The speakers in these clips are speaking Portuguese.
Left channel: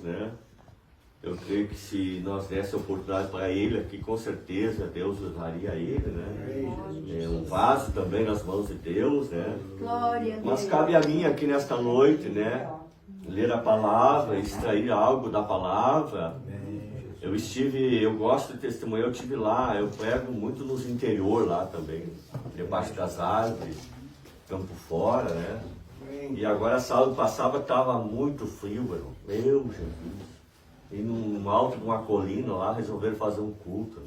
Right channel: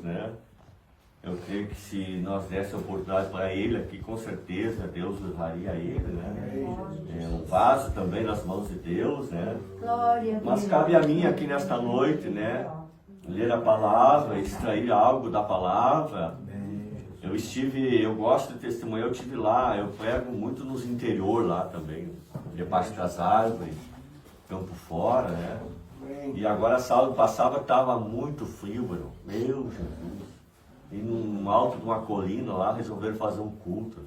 Deus, né? Eu creio que se nós desse oportunidade para ele aqui, com certeza Deus usaria ele, né? Um vaso também nas mãos de Deus, né? Mas cabe a mim aqui nesta noite, né? Ler a palavra, extrair algo da palavra. Eu gosto de testemunhar, eu estive lá, eu prego muito nos interior lá também, debaixo das árvores, campo fora, né? E agora sábado passado estava muito frio, meu Jesus. E no alto de uma colina lá, resolveram fazer um culto.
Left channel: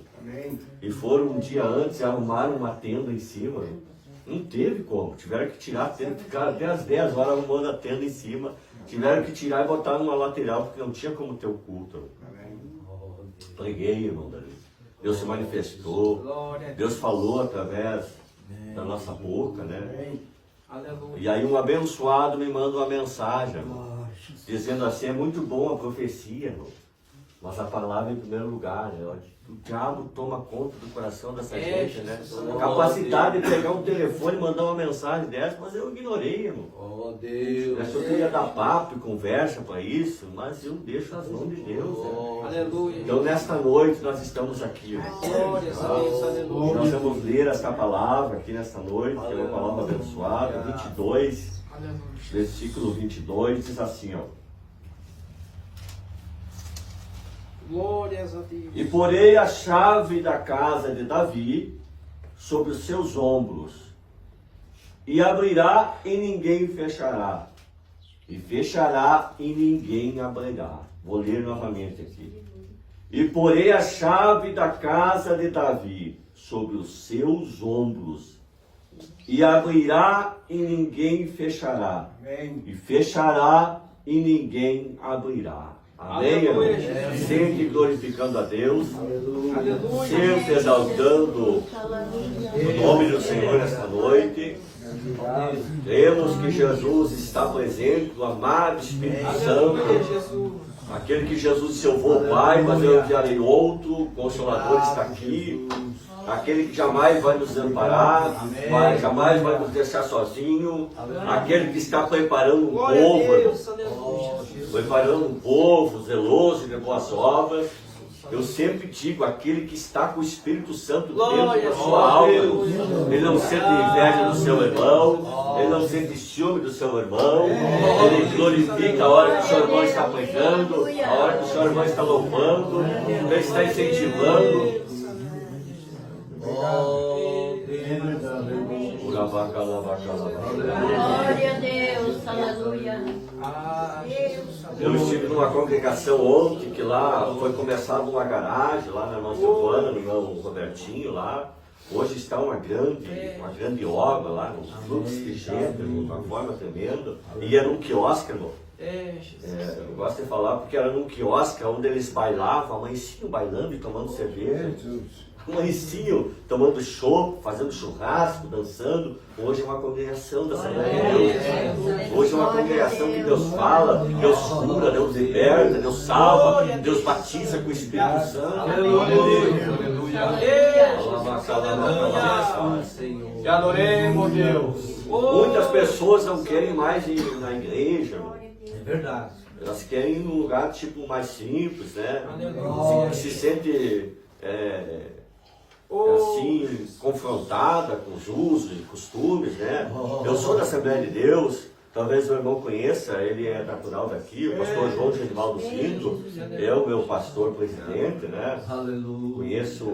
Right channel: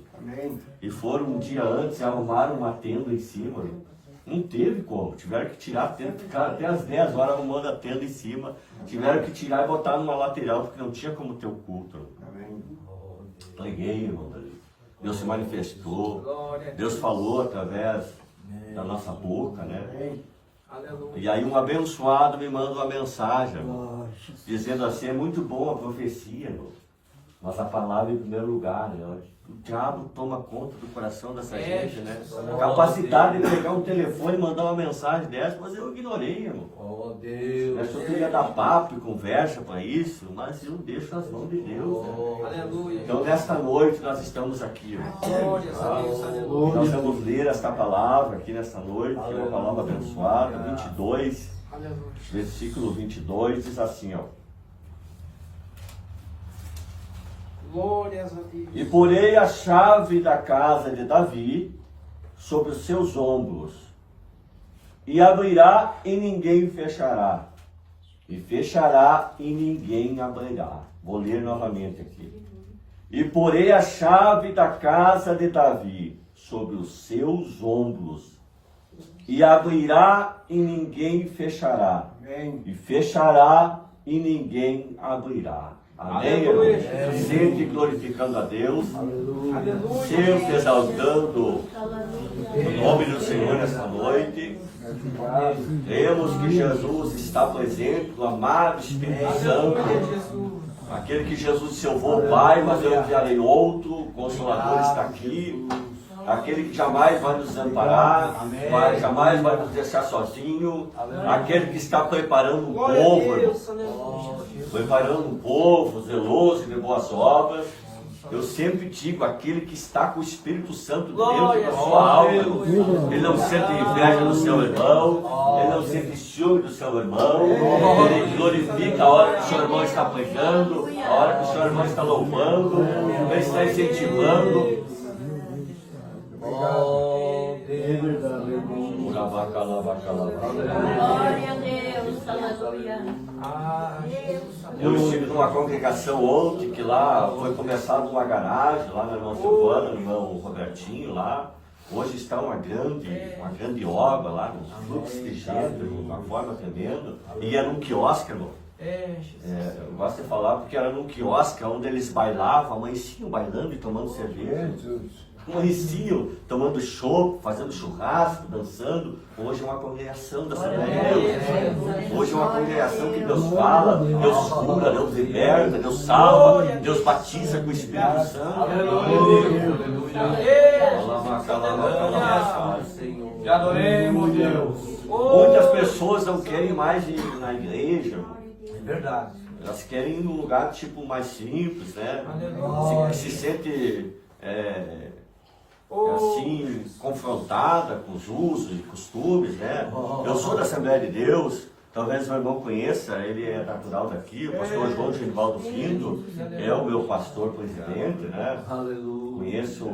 E foram um dia antes e arrumaram uma tenda em cima. Não teve como, tiveram que tirar a tenda, ficaram até as 10 horas arrumando a tenda em cima. Tiveram que tirar e botar numa lateral, porque não tinha como ter o culto. Preguei, irmão, Deus se manifestou, Deus falou através da nossa boca, né? E aí um abençoado me manda uma mensagem, irmão, dizendo assim: é muito boa a profecia, irmão, mas a palavra em primeiro lugar, né? O diabo toma conta do coração dessa gente, né? A capacidade de pegar um telefone e mandar uma mensagem dessa, mas eu ignorei, irmão. Oh, Deus. Eu só queria dar papo e conversa para isso, mas eu deixo nas mãos de Deus, né? Aleluia. Então nesta noite nós estamos aqui, irmão. Nós vamos ler esta palavra aqui nesta noite, que é uma palavra abençoada, 22, versículo 22, diz assim, ó. Glórias a Deus. E porei a chave da casa de Davi sobre os seus ombros, e abrirá e ninguém fechará, e fechará e ninguém abrirá. Vou ler novamente aqui. E porei a chave da casa de Davi sobre os seus ombros, e abrirá e ninguém fechará, e fechará e ninguém abrirá. Amém, irmão? Sempre glorificando a Deus, sempre exaltando o nome do Senhor nesta noite. Cremos que Jesus está presente, o amado Espírito Santo, aquele que Jesus disse: eu vou, Pai, mas eu enviarei outro, o Consolador está aqui. Aquele que jamais vai nos amparar, jamais vai nos deixar sozinho, aquele que está preparando um povo, irmão, preparando um povo zeloso de boas obras. Eu sempre digo, aquele que está com o Espírito Santo dentro da sua alma, ele não sente inveja do seu irmão, ele não sente ciúme do seu irmão, ele glorifica a hora que o seu irmão está pregando, a hora que o seu irmão está louvando, ele está incentivando. Glória a Deus, aleluia. Eu estive numa congregação ontem, que lá foi começada uma garagem, lá na nossa Silvana, no meu Robertinho lá. Hoje está uma grande obra lá, um fluxo de gente, de uma forma tremenda. E era um quiosque, irmão. Eu gosto de falar porque era num quiosque onde eles bailavam, amanheciam bailando e tomando cerveja. Amanheciam tomando chopp, fazendo churrasco, dançando. Hoje é uma congregação da Assembleia de Deus. Hoje é uma congregação que Deus fala, Deus cura, Deus liberta, Deus salva, Deus batiza com o Espírito Santo. Aleluia. Te adoremos, Deus. Muitas pessoas não querem mais ir na igreja. É verdade. Elas querem ir num lugar tipo mais simples, né? Se sente assim, confrontada com os usos e costumes, né? Eu sou da Assembleia de Deus, talvez o irmão conheça, ele é natural daqui, o pastor João Genivaldo Pinto, é o meu pastor presidente, né? Aleluia. Conheço,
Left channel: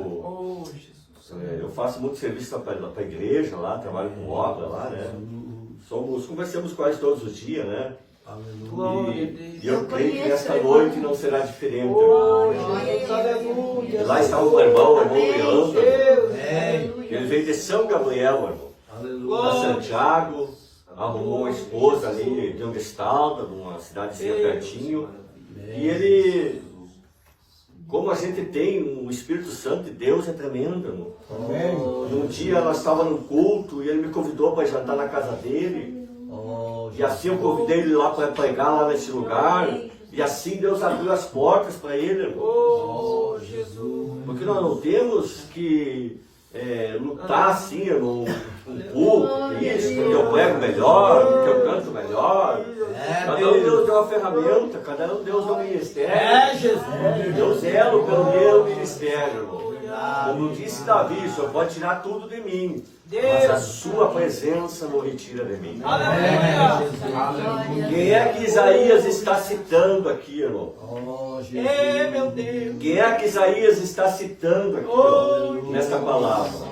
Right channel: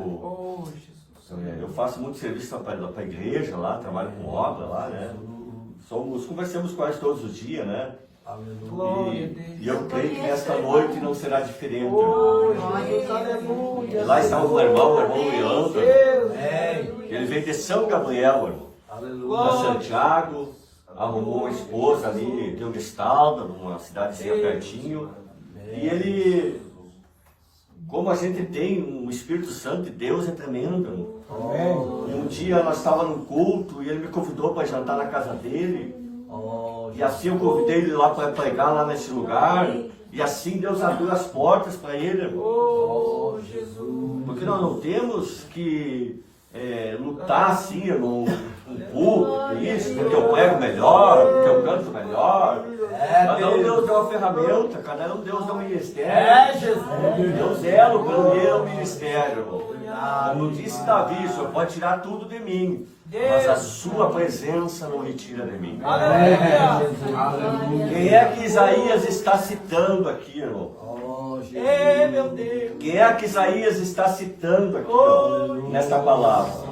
eu faço muito serviço para a igreja lá, trabalho com obra lá, né? Conversamos quase todos os dias, né? E eu creio que nesta noite não será diferente. E lá está o irmão Leandro. Ele veio de São Gabriel, irmão, da Santiago, arrumou uma esposa ali de Ongestalda, numa cidadezinha pertinho. E ele, como a gente tem o Espírito Santo de Deus, é tremendo, irmão. Um dia nós estávamos num culto e ele me convidou para jantar na casa dele. E assim eu convidei ele lá para pregar lá nesse lugar. E assim Deus abriu as portas para ele. Jesus. Porque nós não temos que lutar assim, irmão, um culto, que isso, que eu prego melhor, que eu canto melhor. Cada um Deus deu uma ferramenta, cada um Deus deu um ministério. Jesus. Eu zelo pelo meu ministério, irmão. Como disse Davi, o Senhor pode tirar tudo de mim, mas a sua presença não me tira de mim. Quem é que Isaías está citando aqui, irmão? Meu Deus. Quem é que Isaías está citando aqui, irmão, nesta palavra?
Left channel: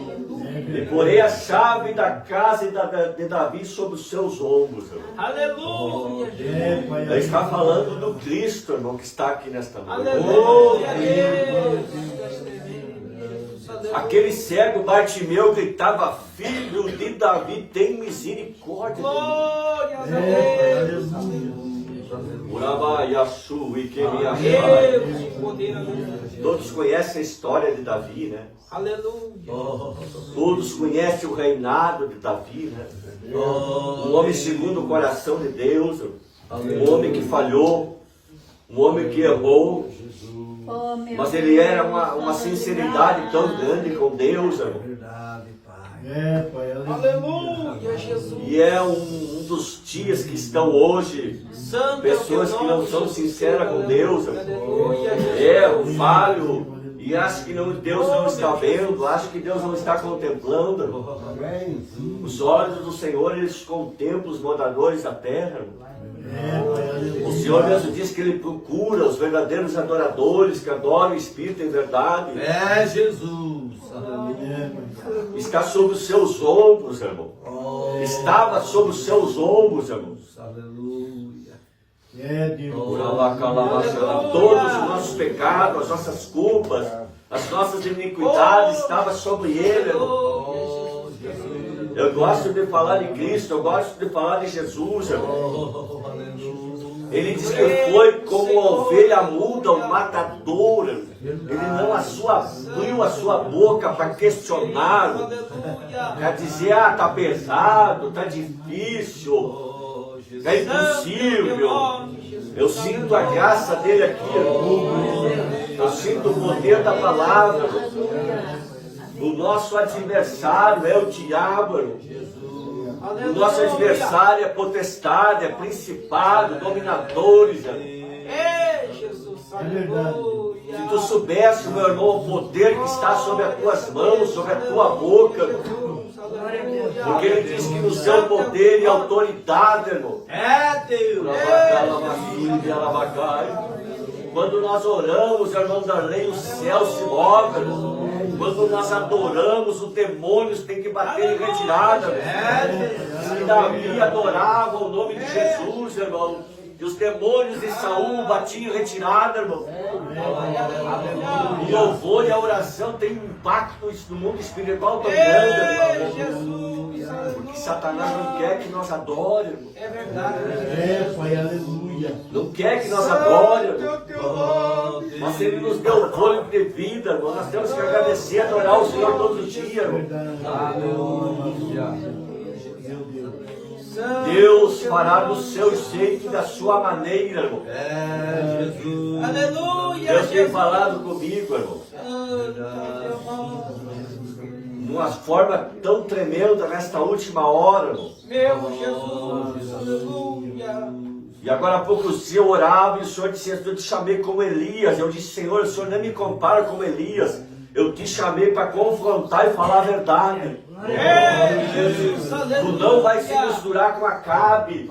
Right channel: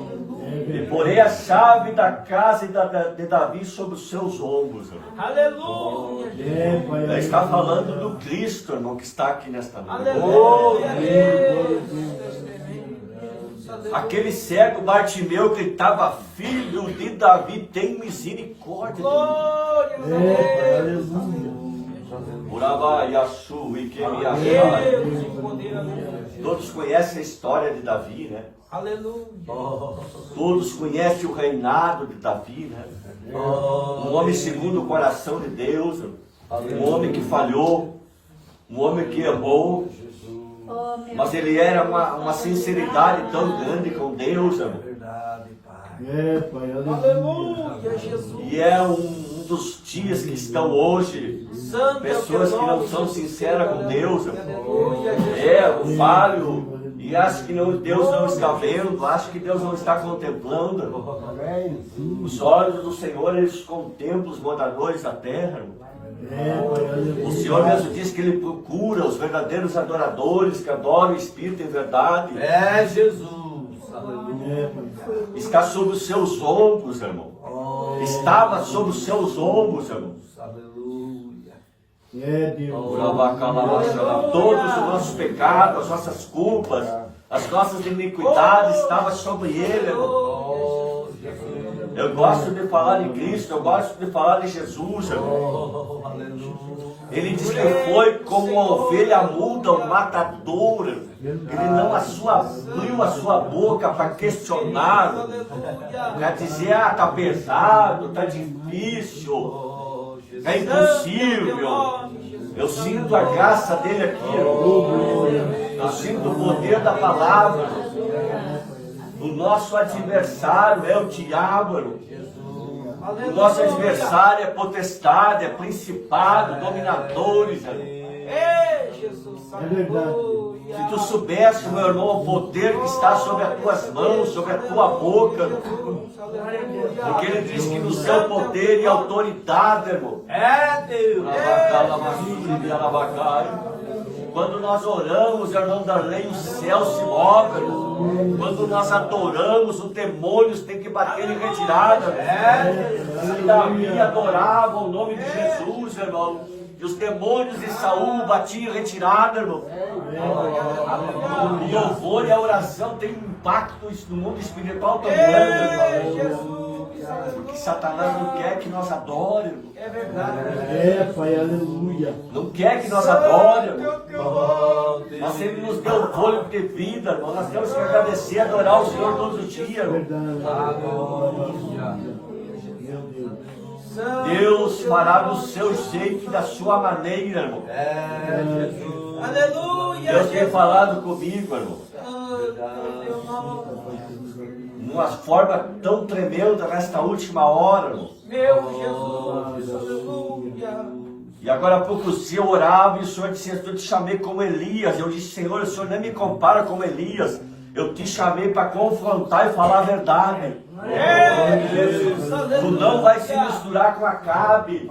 E porém a chave da casa de Davi sobre os seus ombros, irmão. Aleluia. Ele está falando do Cristo, irmão, que está aqui nesta noite. Aleluia. Aquele cego Bartimeu gritava: Filho de Davi, tem misericórdia de mim. Glória a Deus. Todos conhecem a história de Davi, né? Aleluia. Todos conhecem o reinado de Davi, né? Um homem segundo o coração de Deus, um homem que falhou, um homem que errou, mas ele era uma sinceridade tão grande com Deus, irmão. Aleluia, Jesus. E é um dos dias que estão hoje, pessoas que não são sinceras com Deus, irmão. Eu falho e acho que Deus não está vendo, acho que Deus não está contemplando, irmão. Os olhos do Senhor, eles contemplam os moradores da terra, irmão. O Senhor mesmo diz que Ele procura os verdadeiros adoradores que adoram o Espírito em verdade. Jesus. Aleluia. Está sobre os seus ombros, irmão. Estava sobre os seus ombros, irmão. Aleluia. Todos os nossos pecados, as nossas culpas, as nossas iniquidades estavam sobre Ele, irmão. Eu gosto de falar de Cristo, eu gosto de falar de Jesus, irmão. Ele diz que foi como uma ovelha muda, um matador. Ele não abriu a sua boca para questionar, para dizer: está pesado, está difícil, é impossível. Eu sinto a graça dele aqui, irmão. Eu sinto o poder da palavra. O nosso adversário é o diabo, irmão. O nosso adversário é potestade, é principado, dominadores, irmão. Se tu soubesse, meu irmão, o poder que está sobre as tuas mãos, sobre a tua boca, irmão. Porque ele diz que nos deu poder e autoridade, irmão. Deus. Quando nós oramos, irmão Darley, o céu se move. Quando nós adoramos, os demônios têm que bater em retirada. Se Davi adorava o nome de Jesus, irmão, e os demônios de Saul batiam em retirada, irmão. O louvor e a oração têm um impacto no mundo espiritual tão grande, irmão. Porque Satanás não quer que nós adoremos. É verdade. Pai, aleluia. Não quer que nós adoremos. Mas Ele nos deu o fôlego de vida, irmão. Nós temos que agradecer e adorar o Senhor todos os dias, irmão. Aleluia. Deus fará do seu jeito e da sua maneira, irmão. Jesus. Aleluia. Deus tem falado comigo, irmão. De uma forma tão tremenda nesta última hora, irmão. Meu Jesus. Aleluia. E agora há poucos dias eu orava e o Senhor disse: eu te chamei como Elias. Eu disse: Senhor, o Senhor nem me compara como Elias. Eu te chamei para confrontar e falar a verdade. Tu não vai se misturar com Acabe.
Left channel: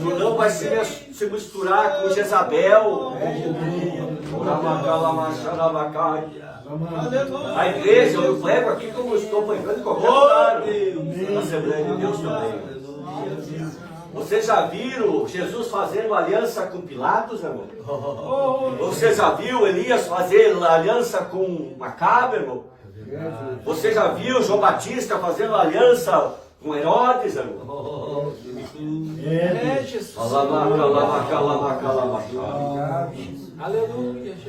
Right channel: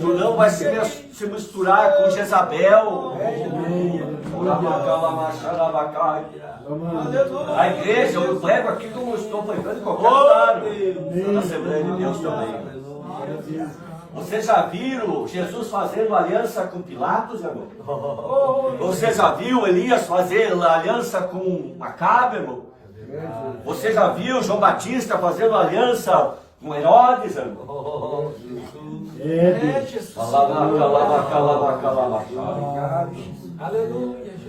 Tu não vai se misturar com Jezabel. A igreja, eu prego aqui como eu estou pregando em qualquer lugar. Na Assembleia de Deus também. Vocês já viram Jesus fazendo aliança com Pilatos, irmão? Você já viu Elias fazer aliança com Acabe, irmão? Você já viu João Batista fazendo aliança com Herodes, irmão?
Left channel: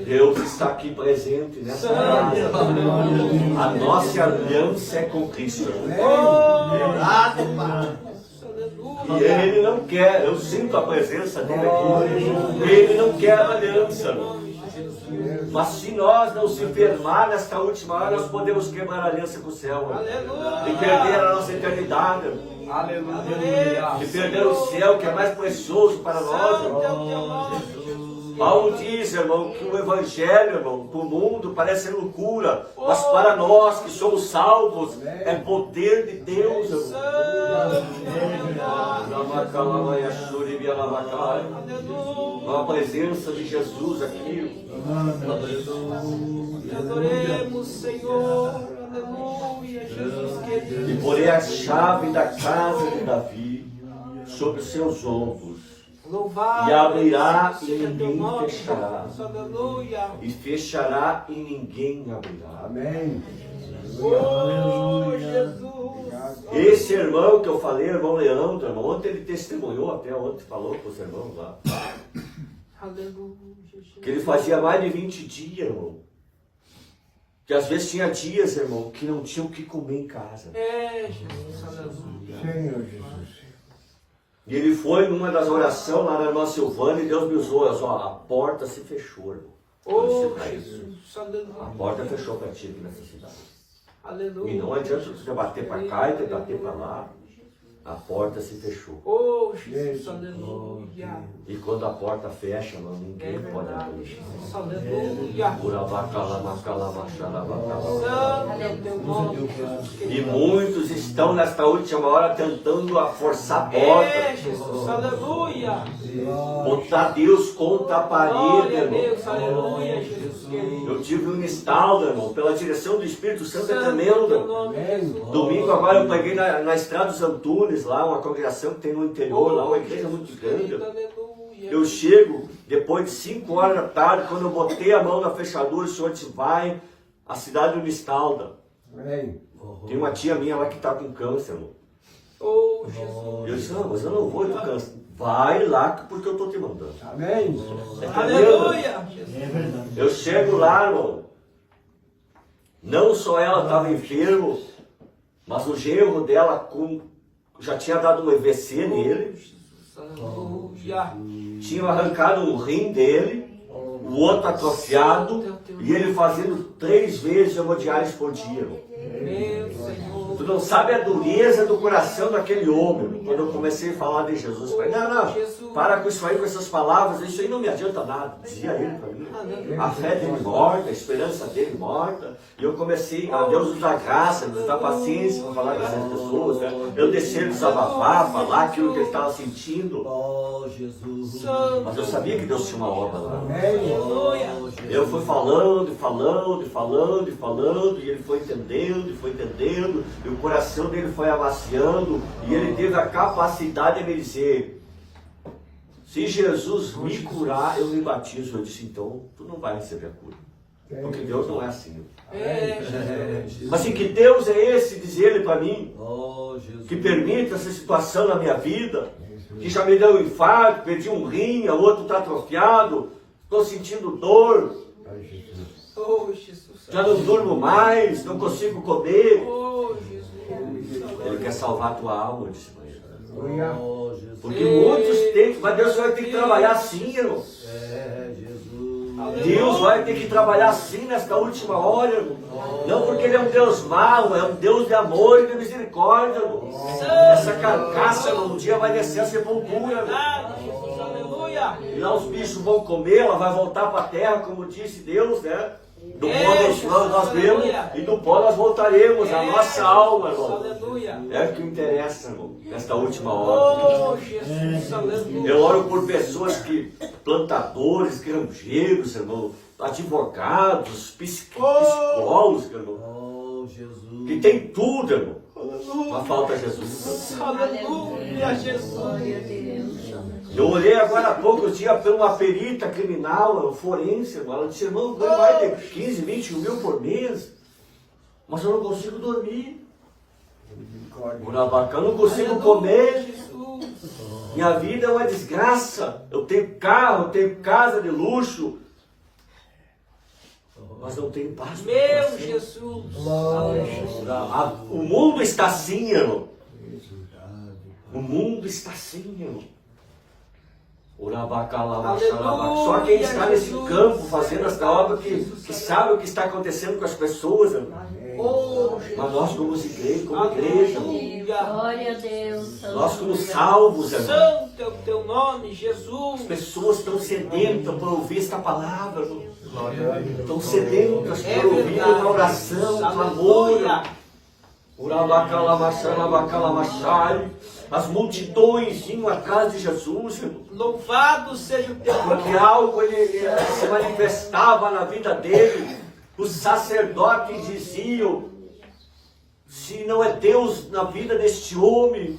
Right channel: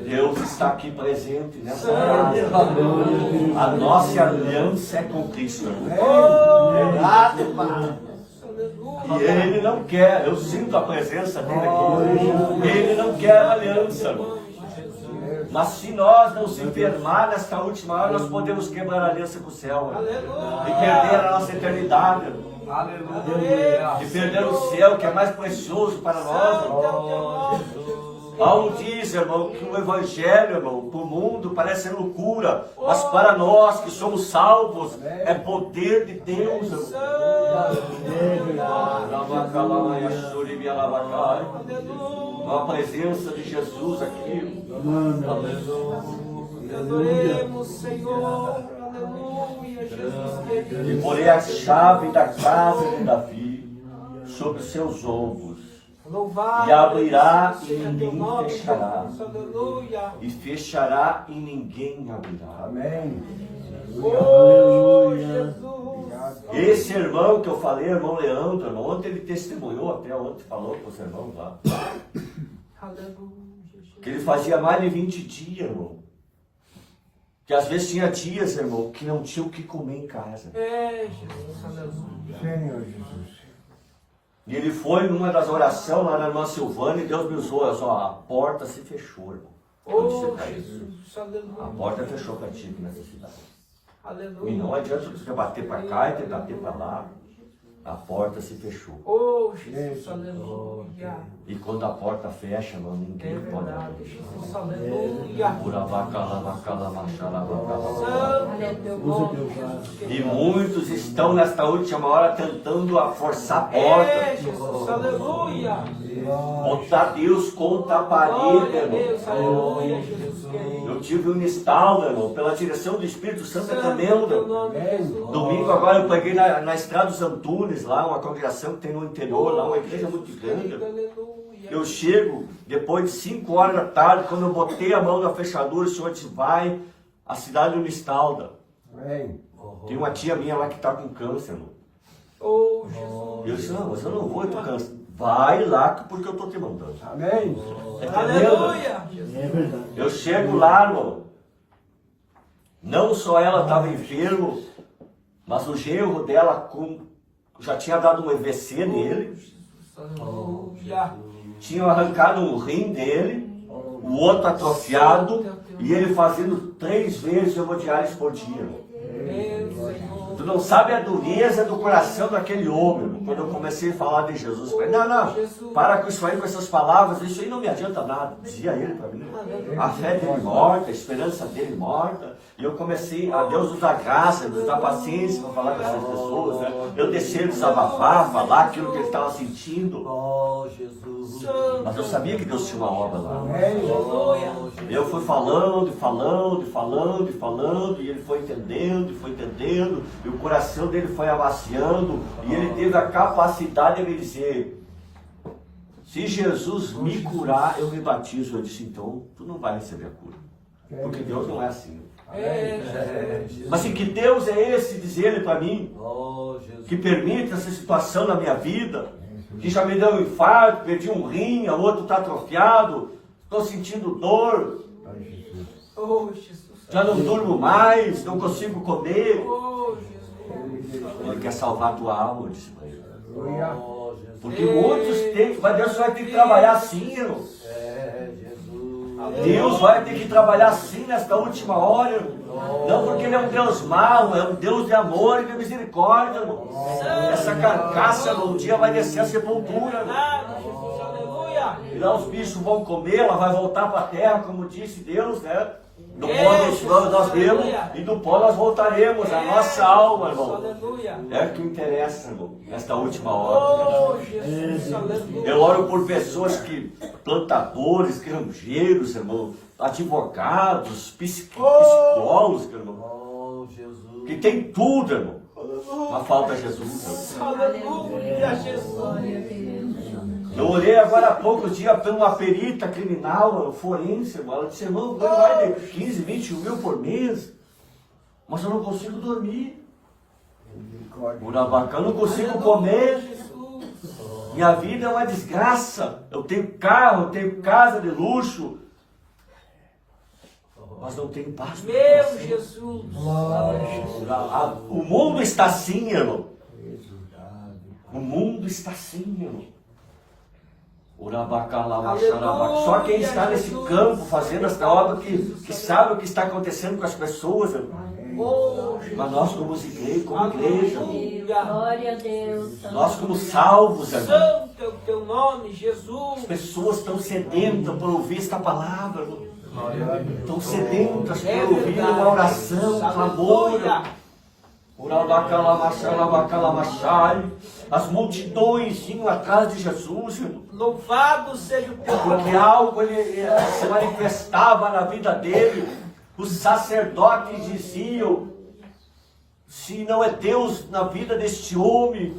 Deus está aqui presente nessa casa. A nossa aliança é com Cristo, irmão. E Ele não quer, eu sinto a presença dele aqui. Ele não quer aliança, irmão. Jesus. Mas se nós não se firmar nesta última hora, nós podemos quebrar a aliança com o céu, irmão. Aleluia. E perder a nossa eternidade, irmão. Aleluia. De perder o céu, que é mais precioso para nós, irmão. Santo é o teu nome, Jesus. Paulo diz, irmão, que o evangelho, irmão, para o mundo parece ser loucura, mas para nós que somos salvos, é poder de Deus, irmão. Santo é o teu nome. Com a presença de Jesus aqui. Te adoremos, Senhor. Aleluia, Jesus querido. E porei a chave da casa de Davi sobre os seus ombros. Louvado E abrirá e seja teu ninguém nome, fechará. Jesus. Aleluia. E fechará e ninguém abrirá. Amém. Oh, Jesus. Esse irmão que eu falei, irmão Leandro, irmão, ontem ele testemunhou, até ontem falou com os irmãos lá, Aleluia, Jesus. que ele fazia mais de 20 dias, irmão. Que às vezes tinha dias, irmão, que não tinha o que comer em casa. É, Jesus. Aleluia. Senhor Jesus. E ele foi numa das orações lá na irmã Silvana e Deus me usou, ó, a porta se fechou, irmão. Eu disse Oh, pra ele, Jesus. a Aleluia. porta fechou para ti aqui nessa cidade. Aleluia. E não adianta você bater para cá e bater para lá. A porta se fechou. Oh, Jesus. Aleluia. E quando a porta fecha, irmão, ninguém É pode verdade, abrir. Jesus. Aleluia. Santo é o teu nome, Jesus E querido. muitos estão nesta última hora tentando a forçar a porta. É, Jesus. Aleluia. Botar Deus contra a parede, Glória a irmão. Deus. Aleluia, Jesus querido. Eu tive um estalo, irmão, pela direção do Espírito Santo é Santo é o tremenda. teu nome, Jesus. Domingo agora eu peguei na estrada dos Antunes, lá, uma congregação que tem no interior, lá, uma igreja muito grande. Aleluia. Eu chego, depois de 5 horas da tarde, quando eu botei a mão na fechadura, o Senhor disse, vai à cidade de Unistalda. Amém. Tem uma tia minha lá que está com câncer, irmão. Oh, Jesus. Eu disse, não, mas eu não vou, eu tô câncer. Vai lá, porque eu estou te mandando. Amém. É tremendo. Aleluia. Jesus. Eu chego lá, irmão. Não só ela estava enferma, mas o genro dela já tinha dado um EVC nele. Aleluia. Tinham arrancado o rim dele, o outro atrofiado, e ele fazendo 3 vezes hemodiálise por dia, irmão. Meu Senhor. Tu não sabe a dureza do coração daquele homem, irmão. Quando eu comecei a falar de Jesus, eu falei, não, para com isso aí, com essas palavras, isso aí não me adianta nada, dizia ele para mim. A fé dele morta, a esperança dele morta. E eu comecei a Deus nos dar graça, nos dar paciência para falar com essas pessoas, né? Eu descer, desabafar, falar aquilo que ele estava sentindo. Oh, Jesus. Mas eu sabia que Deus tinha uma obra lá. Aleluia. Eu fui falando, e ele foi entendendo, e o coração dele foi amaciando, e ele teve a capacidade de me dizer, se Jesus me curar, eu me batizo. Eu disse, então, tu não vai receber a cura, porque Deus não é assim. É, Jesus. Mas assim, que Deus é esse, diz ele para mim, Oh, Jesus. que permite essa situação na minha vida, que já me deu um infarto, perdi um rim, o outro está atrofiado, estou sentindo dor, Oh, Jesus. já não durmo mais, não consigo comer. Oh, Jesus. Ele quer salvar a tua alma, eu disse para ele. Oh, Jesus. Porque muitos têm, mas Deus vai ter que trabalhar assim, irmão. É, Jesus. Deus vai ter que trabalhar assim nesta última hora, irmão. Não porque Ele é um Deus mau, é um Deus de amor e de misericórdia, irmão. Essa carcaça, irmão, um dia vai descer a sepultura, irmão. Ah, Jesus. Aleluia. E lá os bichos vão comer, ela vai voltar para a terra, como disse Deus, né? Do pó nós vemos e do pó nós voltaremos, a nossa alma, irmão. Aleluia. É o que interessa, irmão, nesta última hora. Oh, Jesus. Aleluia. Eu oro por pessoas plantadores, granjeiros, irmão, advogados, psicólogos, irmão, Oh, Jesus. que tem tudo, irmão. Mas falta Jesus, irmão. Aleluia, Jesus. Glória a Deus. Eu orei agora há poucos dias por uma perita criminal, forense, irmão. Ela disse, irmão, ganho mais de 15, 20 mil por mês, mas eu não consigo dormir. Urabacá, eu não consigo comer. Jesus. Minha vida é uma desgraça. Eu tenho carro, eu tenho casa de luxo, mas não tenho paz no Meu coração. Jesus. O mundo está assim, irmão. O mundo está assim, irmão. Só quem está nesse campo fazendo esta obra que sabe o que está acontecendo com as pessoas, irmão. Mas nós como igreja, Glória a Deus. nós como salvos, irmão. Santo é o teu nome, Jesus. As pessoas estão sedentas por ouvir esta palavra, irmão. Estão sedentas por ouvir uma oração, um clamor. As multidões iam atrás de Jesus, irmão. Louvado seja o teu Porque nome. algo ele se manifestava na vida dele. Os sacerdotes diziam: se não é Deus na vida deste homem,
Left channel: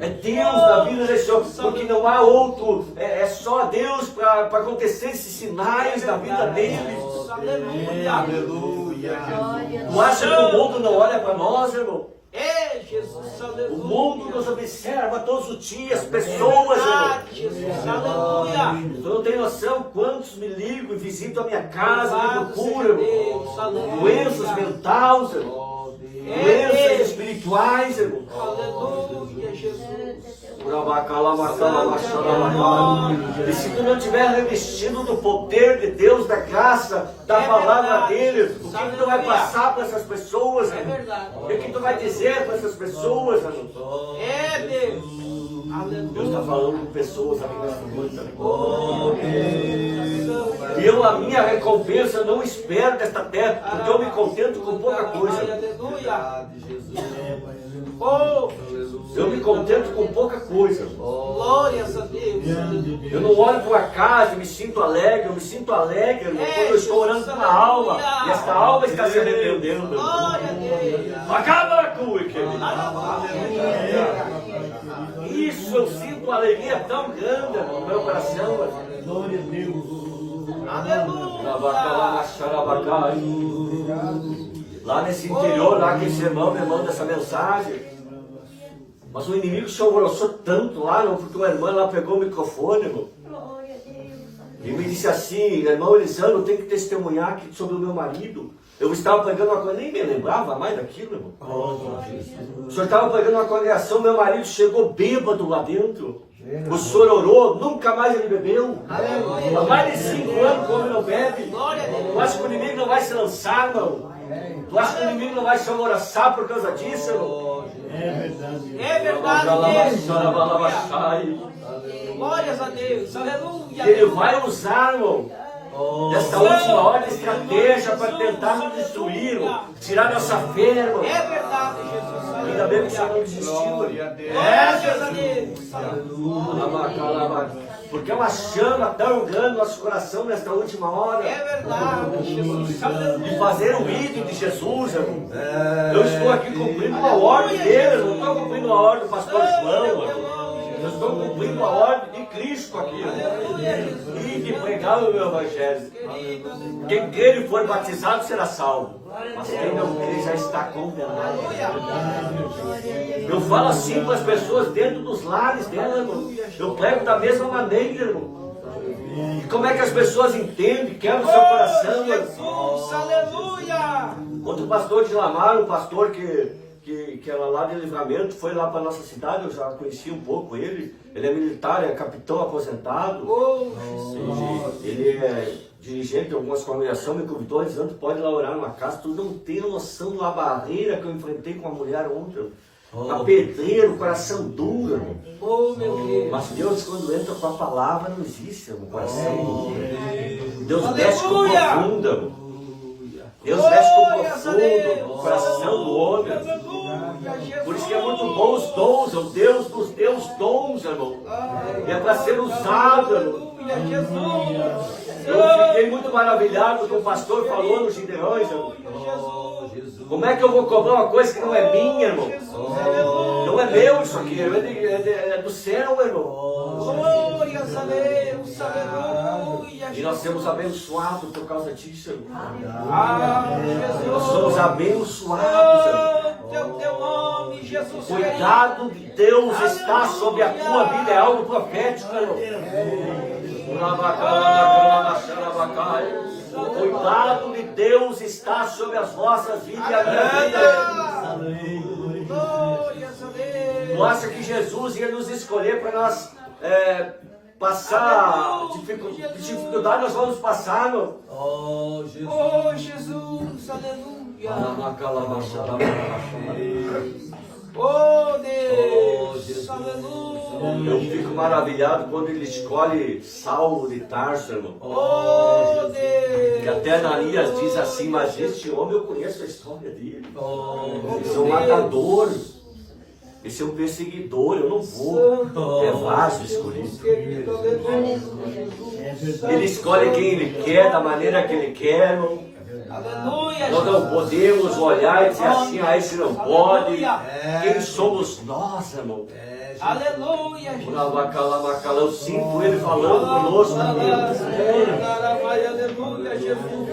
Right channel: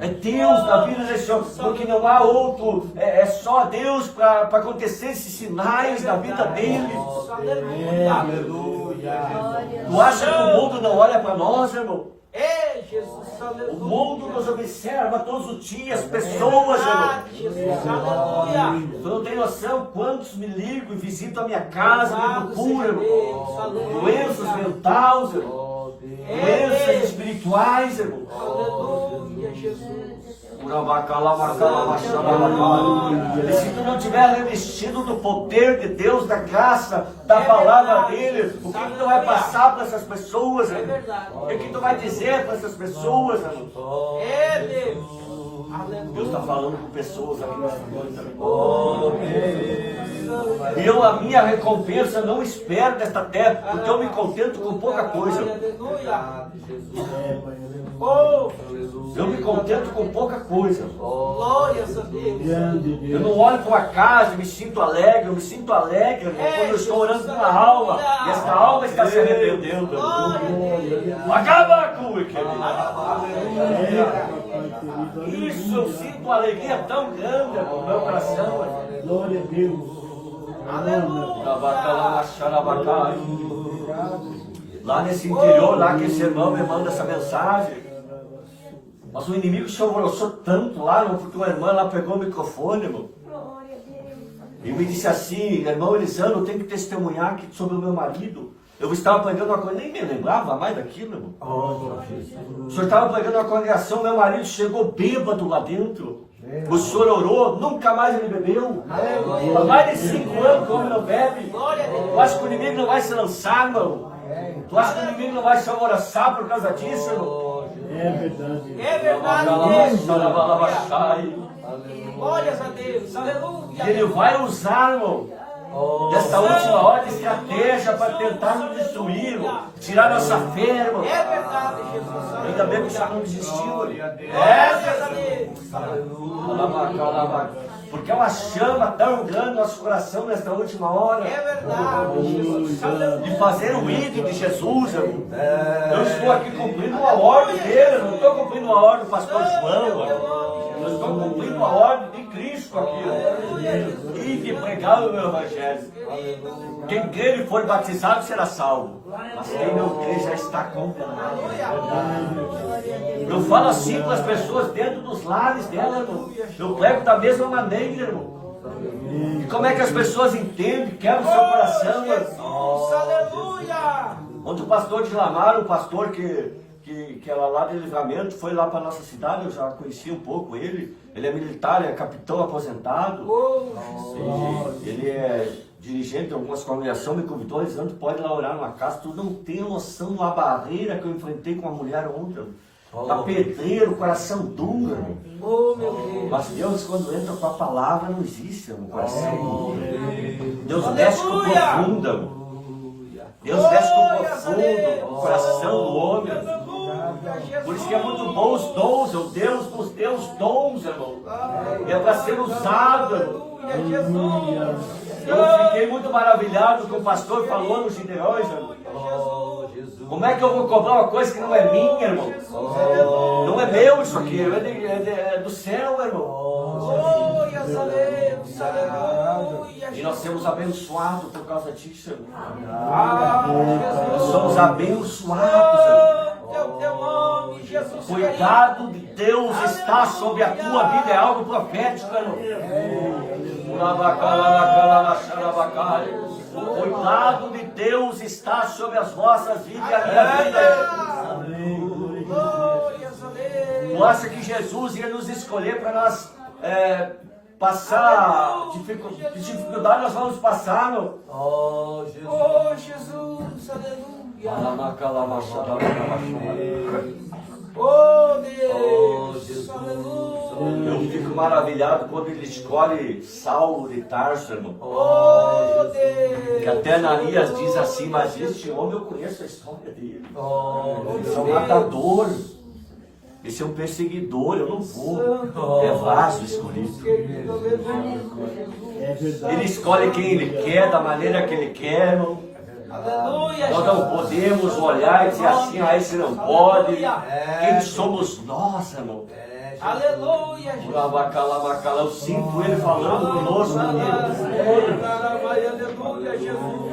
é Deus na vida deste homem, porque não há outro, é só Deus para acontecer esses sinais na vida dele. Aleluia. Tu acha que o mundo não olha para nós, irmão? É, Jesus, aleluia. O mundo nos observa todos os dias, pessoas, irmão. Jesus, aleluia. Tu não tem noção quantos me ligam e visitam a minha casa, me Louvado procuram, seja irmão. Deus, aleluia. Doenças mentais, irmão. Doenças espirituais, irmão. Aleluia, Jesus. E se tu não tiver revestido do poder de Deus, da graça, da palavra dele, o que tu vai passar para essas pessoas, irmão? O que tu vai dizer para essas pessoas, irmão? É Deus. Deus está falando com pessoas aqui nessa noite. Aleluia. A minha recompensa não espero desta terra, porque eu me contento com pouca coisa. Aleluia. Oh, Eu me contento com pouca coisa. glórias a Deus. Eu não olho para uma casa e me sinto alegre. Eu me sinto alegre, irmão, quando eu estou orando por uma alma e esta alma está se arrependendo. Glória a Deus. Acaba com o Isso, eu sinto uma alegria tão grande no meu coração. Glória a Deus. Lá nesse interior, lá que esse irmão me manda essa mensagem. Mas o inimigo se alvoroçou tanto lá, irmão, porque uma irmã lá pegou o microfone, irmão. E me disse assim: irmão Elisandro, eu tenho que testemunhar aqui sobre o meu marido. Eu estava pregando uma coisa, nem me lembrava mais daquilo, irmão. O senhor estava pregando uma congregação, meu marido chegou bêbado lá dentro. O senhor orou, nunca mais ele bebeu. Há mais de 5 anos que o homem não bebe. Tu acha que o inimigo não vai se lançar, irmão? Tu acha que o inimigo não vai se alvoroçar por causa disso, irmão? É verdade, Deus. Glórias a Deus. Aleluia. Ele vai usar, irmão, desta última hora de estratégia para tentar nos destruir, irmão, tirar nossa fé, irmão. É verdade, Jesus. Ainda bem que o senhor não desistiu, irmão. Glórias a Deus. Porque é uma chama tão grande no nosso coração nesta última hora. É verdade, Jesus. Aleluia. De fazer o ídolo de Jesus, irmão. Eu estou aqui cumprindo uma ordem dele, eu não estou cumprindo a ordem do pastor João, irmão. Eu estou cumprindo a ordem de Cristo aqui, irmão. E de pregar o meu evangelho. Quem crer e for batizado será salvo. Mas quem não crer já está condenado. Eu falo assim para as pessoas dentro dos lares dela, irmão. Eu prego da mesma maneira, irmão. E como é que as pessoas entendem, quebram o seu coração, irmão? Jesus, aleluia. Quando o pastor de Lamar, o pastor que era lá de Livramento, foi lá para nossa cidade, eu já conheci um pouco ele. Ele é militar, é capitão aposentado. Ele é dirigente de algumas congregações, me convidou, dizendo: pode lá orar numa casa. Tu não tem noção da barreira que eu enfrentei com uma mulher ontem. A pedreiro, coração duro, irmão. Oh, meu Deus. Mas Deus, quando entra com a palavra, não existe no coração. Deus mexe com o profundo, irmão. Deus mexe com o profundo, no coração do homem. Por isso que é muito bom os dons, o Deus nos deu os dons, irmão. É para ser usado, irmão. Eu fiquei muito maravilhado com o pastor falou nos Gideões, irmão. Como é que eu vou cobrar uma coisa que não é minha, irmão? Não é meu isso aqui, é do céu, irmão. Glórias a Deus, aleluia. E nós somos abençoados por causa disso, irmão. Jesus. Nós somos abençoados, irmão. Santo é o teu nome, Jesus. Cuidado de Deus está sobre a tua vida, é algo profético, irmão. O cuidado de Deus está sobre as vossas vidas e a minha vida. Glórias a Deus. Tu acha que Jesus ia nos escolher para nós passar dificuldade, nós vamos passar, meu. Oh, Jesus. Oh, Jesus, aleluia. Oh, Deus, Jesus. aleluia. Eu fico maravilhado quando ele escolhe Saulo de Tarso, irmão. Oh, Deus. Que até Ananias diz assim, mas este homem eu conheço a história dele. Oh, Esse é um matador. Esse é um perseguidor, eu não vou. É vaso escolhido. Querido, aleluia, Jesus. Ele escolhe quem ele quer, da maneira que ele quer, irmão. Aleluia, Nós não podemos olhar e dizer assim, ah, esse não pode. Aleluia. Quem somos nós, irmão? Aleluia, Jesus. Eu sinto ele falando conosco. Aleluia, Jesus.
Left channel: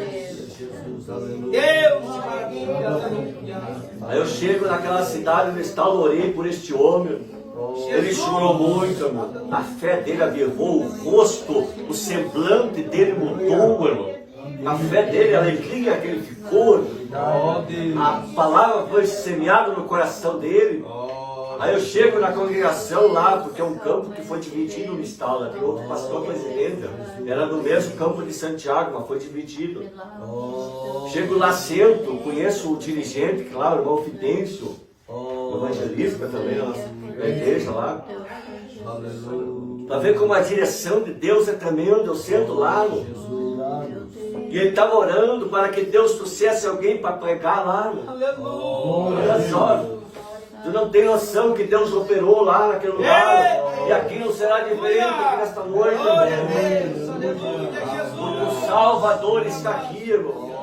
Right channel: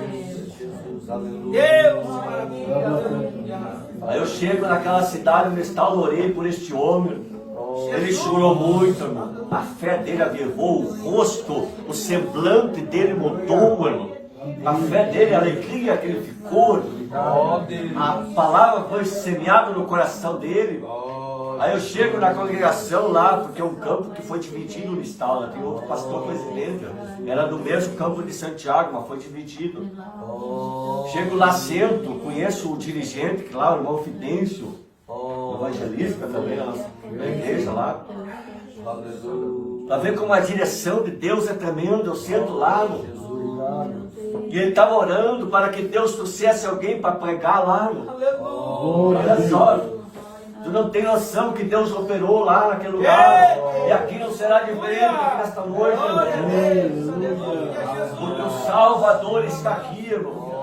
Deus, maravilha, aleluia. Aí eu chego naquela cidade onde está, orei por este homem. Ele chorou muito, irmão. A fé dele avivou, o rosto, o semblante dele mudou, irmão. A fé dele, a alegria que ele ficou. A palavra foi semeada no coração dele. Aí eu chego na congregação lá, porque é um campo que foi dividido no estado. Tem outro pastor presidente. Era do mesmo campo de Santiago, mas foi dividido. Chego lá, sento, conheço o dirigente, claro, o irmão Fidêncio, evangelista também, na igreja lá. Para ver como a direção de Deus é tremenda, eu sento lá, e ele estava orando para que Deus trouxesse alguém para pregar lá. Olha só, tu não tem noção que Deus operou lá naquele lugar, e aqui não será diferente aqui nesta noite, porque o Salvador está aqui, irmão.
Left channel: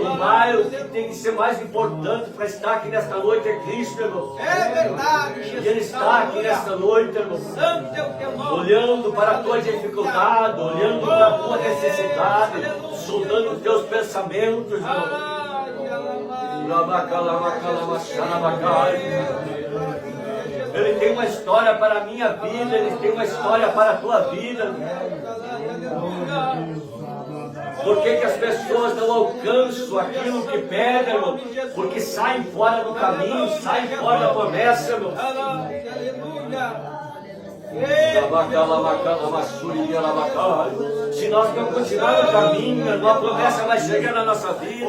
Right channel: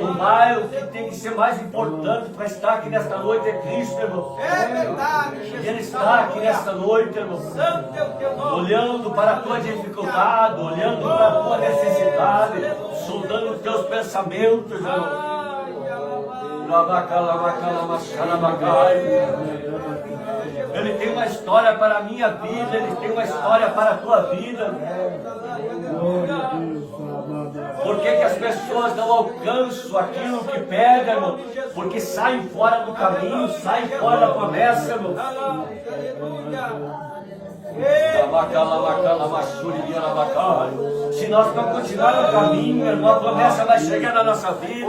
O bairro que tem que ser mais importante para estar aqui nesta noite é Cristo, irmão. É verdade, Jesus. E Ele está aqui nesta noite, irmão. Santo é o teu nome. Olhando para a tua dificuldade, olhando para a tua necessidade, sondando os teus pensamentos, irmão. Ele tem uma história para a minha vida, Ele tem uma história para a tua vida. Por que as pessoas não alcançam aquilo que pedem, irmão? Porque saem fora do caminho, saem fora da promessa, irmão. Se nós não continuarmos no caminho, irmão, a promessa vai chegar na nossa vida.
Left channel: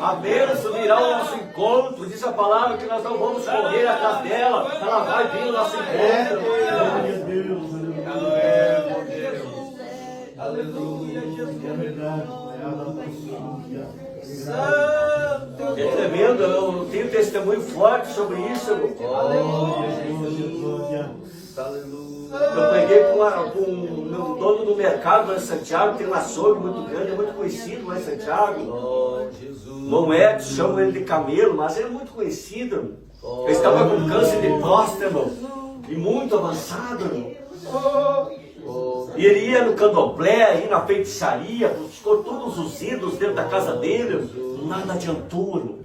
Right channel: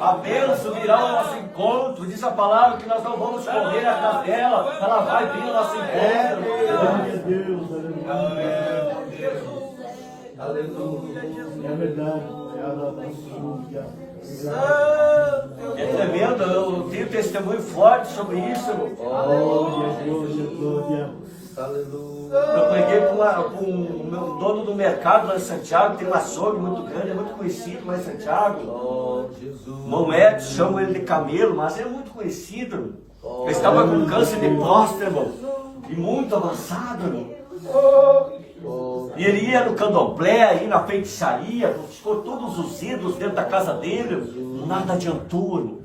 A bênção virá ao nosso encontro. Diz a palavra que nós não vamos correr atrás dela. Ela vai vir ao nosso encontro. Aleluia, É tremendo, eu tenho testemunho forte sobre isso. Eu preguei para um dono do mercado lá em Santiago, tem um açougue muito grande, é muito conhecido lá em Santiago. Não é, chamam ele de camelo, mas é muito conhecido. Ele estava com câncer de próstata, irmão, e muito avançado, irmão. E ele ia no candomblé, ia na feitiçaria, buscou todos os ídolos dentro da casa dele, nada adiantou, irmão.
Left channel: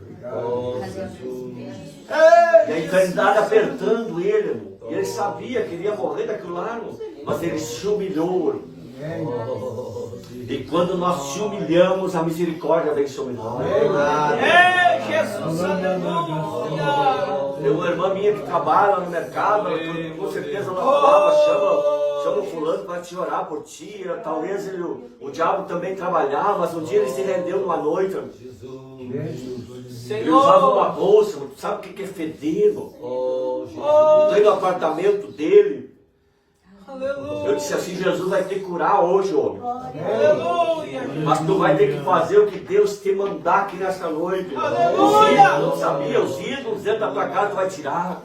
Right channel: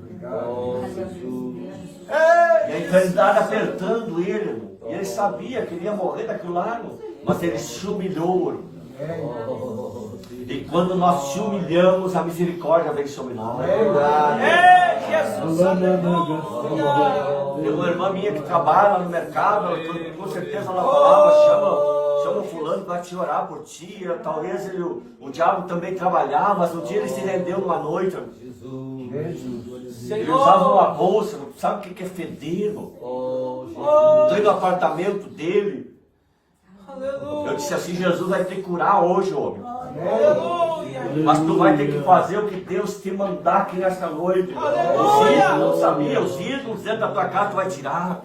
E a enfermidade apertando ele, irmão. E ele sabia que ele ia morrer daquilo lá, irmão. Mas ele se humilhou, irmão. E quando nós te humilhamos, a misericórdia vem sobre nós. Jesus, aleluia. Tem uma irmã minha que trabalha no mercado, com certeza ela falava, chama o fulano para te orar por ti. Talvez o diabo também trabalhava, mas um dia ele se rendeu numa noite. Ele usava uma bolsa, sabe o que é fedendo? Entrei no apartamento dele. Eu disse assim, Jesus vai te curar hoje, homem. Mas tu vai ter que fazer o que Deus te mandar aqui nesta noite. Os ídolos, não sabia, os ídolos dentro da tua casa tu vai tirar.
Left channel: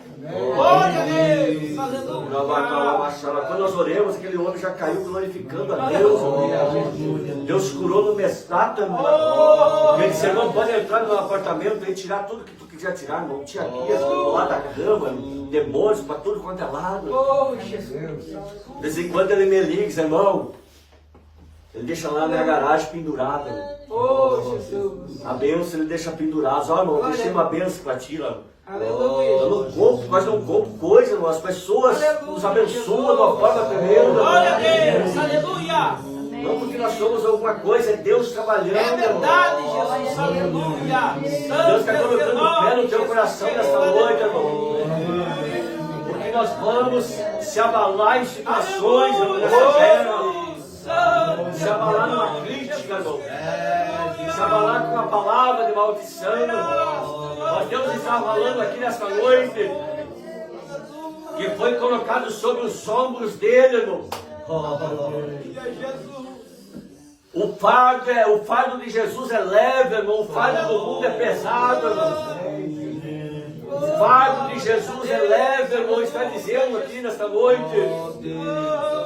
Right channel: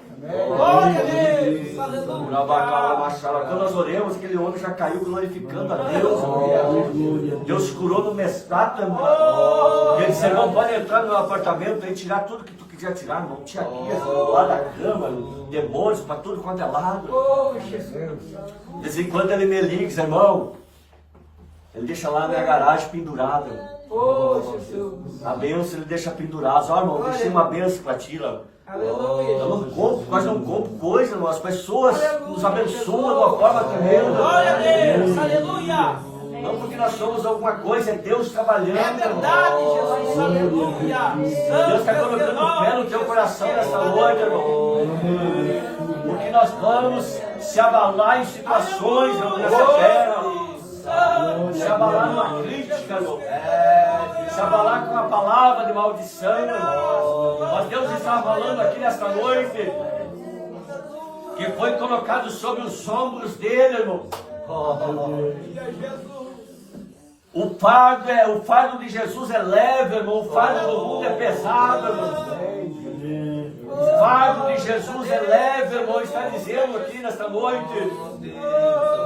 Quando nós oramos, aquele homem já caiu glorificando a Deus. Deus curou no mestrado. Ele disse, irmão, pode entrar no meu apartamento e tirar tudo que tu quiser tirar. Não tinha guias do lado da cama, demônios para tudo quanto é lado. De vez em quando ele me liga, diz, irmão, ele deixa lá na minha garagem pendurado. A bênção ele deixa pendurado. Ó, irmão, deixei uma bênção para ti lá. Eu não compro, quase não compro coisa, irmão. As pessoas nos abençoam de uma forma tremenda. Glória a Deus, aleluia. Não porque nós somos alguma coisa, é Deus trabalhando. É verdade, Jesus, aleluia. Deus está colocando fé no teu coração nessa noite, irmão. Porque nós vamos se abalar em situações, irmão, nessa terra. Se abalar numa crítica, irmão. Se abalar com uma palavra de maldição, irmão. Mas Deus está falando aqui nesta noite que foi colocado sobre os ombros dele, irmão. O fardo de Jesus é leve, irmão. O fardo do mundo é pesado, irmão. O fardo de Jesus é leve, irmão. Está dizendo aqui nesta noite.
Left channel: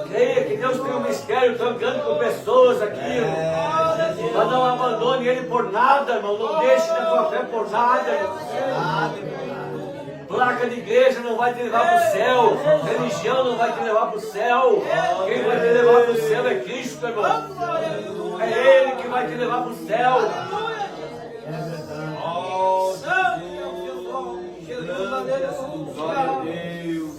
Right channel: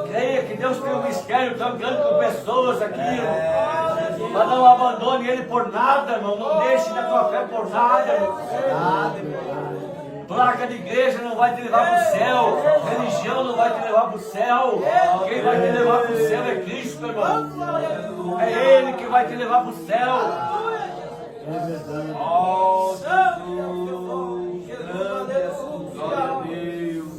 Creia que Deus tem um mistério tão grande com pessoas aqui, irmão. Mas não abandone Ele por nada, irmão. Não deixe da tua fé por nada, irmão. Placa de igreja não vai te levar para o céu. Religião não vai te levar para o céu. Quem vai te levar para o céu é Cristo, irmão. É Ele que vai te levar para o céu. Oh, Jesus. Glória a Deus.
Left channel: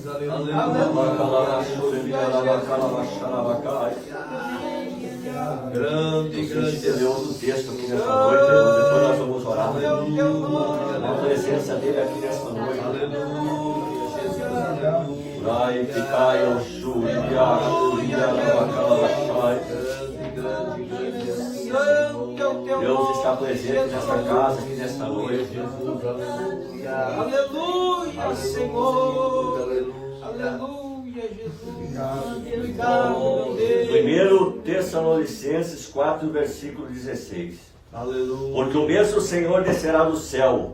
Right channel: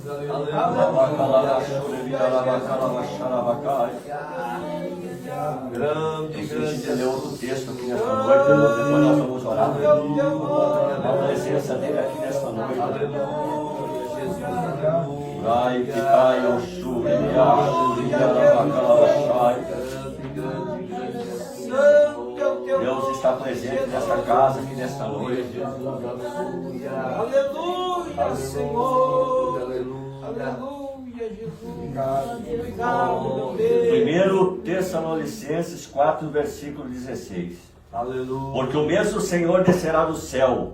Grande, grande. Ler outro texto aqui nesta noite. Depois nós vamos orar. Na presença dele aqui nesta noite. Vai ficar eu Deus está presente nessa casa aqui nesta noite. Aleluia, Senhor. Aleluia, Jesus. Obrigado, Deus. 1 Tessalonicenses 4, versículo 16. Aleluia. Porque o mesmo Senhor descerá do céu,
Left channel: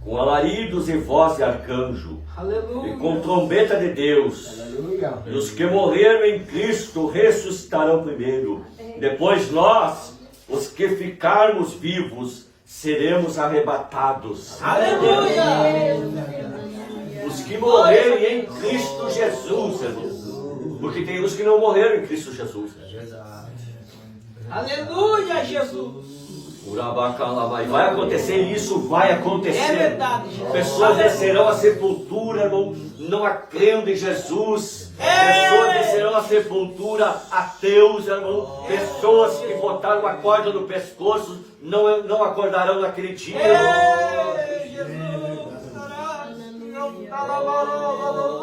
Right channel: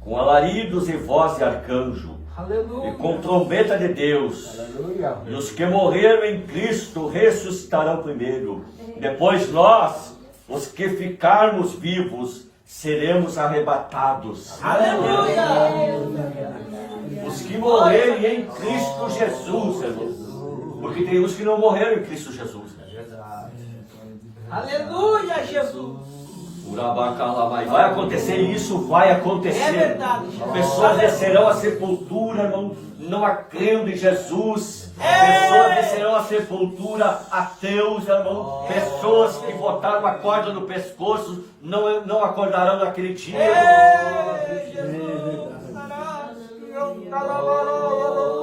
com alaridos e voz de arcanjo, Aleluia. e com trombeta de Deus. Aleluia. E os que morreram em Cristo ressuscitarão primeiro. Depois nós, os que ficarmos vivos, seremos arrebatados. Aleluia. Os que morrerem em Cristo Jesus, irmãos. Porque tem uns que não morreram em Cristo Jesus. Aleluia, Jesus. Vai acontecer isso, vai acontecer. É verdade, Jesus. Pessoas descerão à sepultura, irmão, não crendo em Jesus. Pessoas descerão à sepultura ateus, irmão. Pessoas que botaram a corda no pescoço não acordarão naquele dia.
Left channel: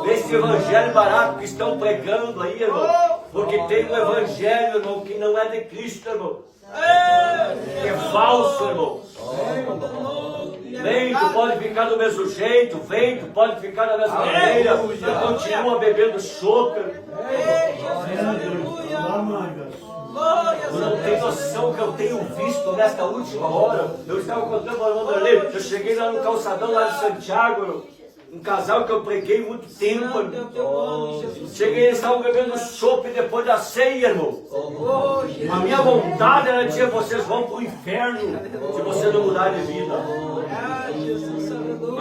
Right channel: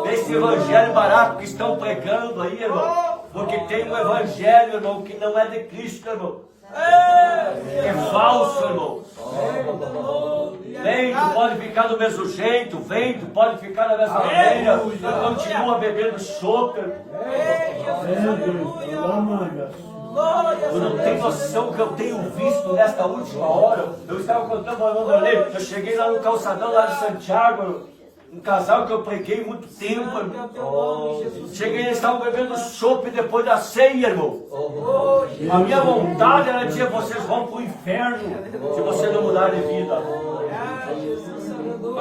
Esse evangelho barato que estão pregando aí, irmão. Porque tem um evangelho, irmão, que não é de Cristo, irmão. É falso, irmão. Vem, tu pode ficar do mesmo jeito. Vem, tu pode ficar da mesma maneira. Tu continua bebendo chope. Tu não tem noção que eu tenho visto nesta última hora. Eu estava contando para o irmão Darley. Eu cheguei lá no calçadão lá de Santiago. Um casal que eu preguei muito tempo, irmão. Cheguei, eles estavam bebendo chope depois da ceia, irmão. A minha vontade era dizer, vocês vão para o inferno se você não mudar de vida.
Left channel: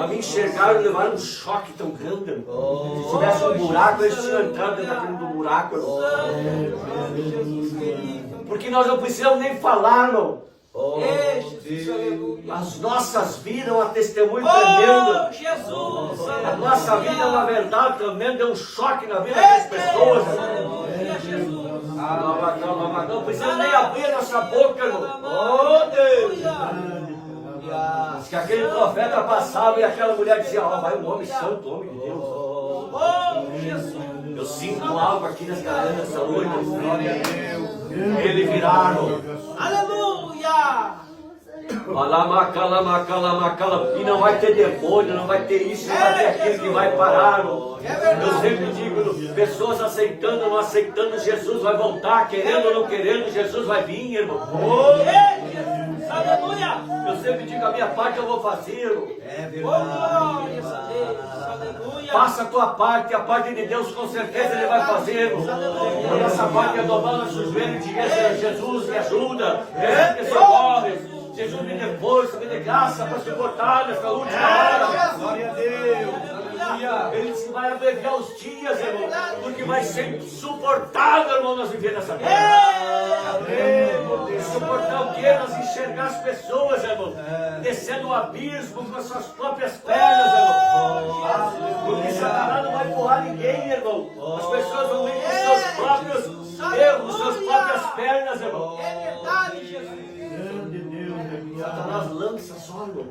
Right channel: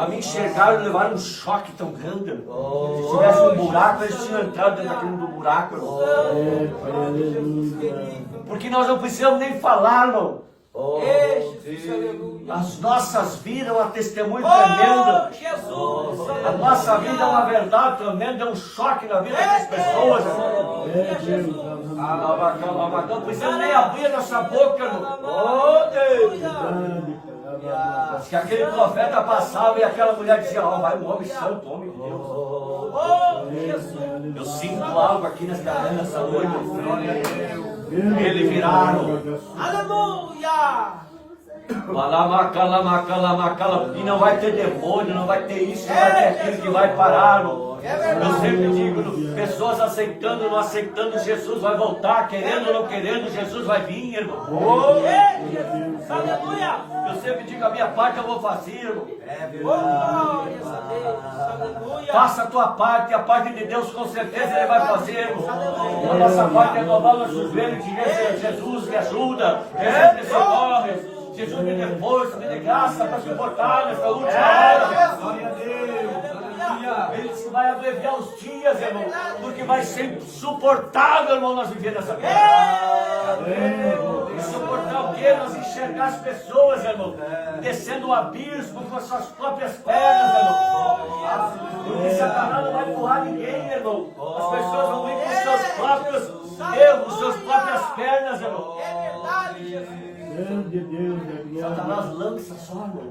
A me enxergaram e levaram um choque tão grande, irmão. Se tivesse um buraco, eles tinham entrado dentro daquele buraco, irmão. Porque nós não precisamos nem falar, irmão. As nossas vidas é uma testemunho tremendo. A nossa vida é uma verdade tremenda, é um choque na vida das pessoas. Não precisa nem abrir essa boca, irmão. Que aquele profeta passava e aquela mulher dizia: ó, vai um homem santo, homem de Deus. Eu sinto algo aqui nessa noite. Ele viraram. Aleluia. E não vai ter demônio, não vai ter isso, não vai ter aquilo que vai parar. Eu sempre digo, pessoas aceitando ou não aceitando, Jesus vai voltar, querendo ou não querendo, Jesus vai vir, irmão. Aleluia. Eu sempre digo, a minha parte eu vou fazer, irmão. Glória a Deus. Aleluia. Faça a tua parte, a parte de Deus com certeza Ele vai fazer, irmão. A nossa parte é dobrar nossos joelhos e dizer: Jesus me ajuda, Jesus me socorre. Jesus me dê força, me dê graça para suportar nessa última hora. Glória a Deus. Ele disse que vai abreviar os dias, irmão, porque vai ser insuportável, irmão, nós viver nessa terra. Insuportável o quê? Nós enxergar as pessoas, irmão, descendo o abismo com as suas próprias pernas, irmão. Porque Satanás não vai empurrar ninguém, irmão. As pessoas vão ir com seus próprios erros, suas próprias pernas, irmão. É verdade, Jesus. Satanás lança só, irmão.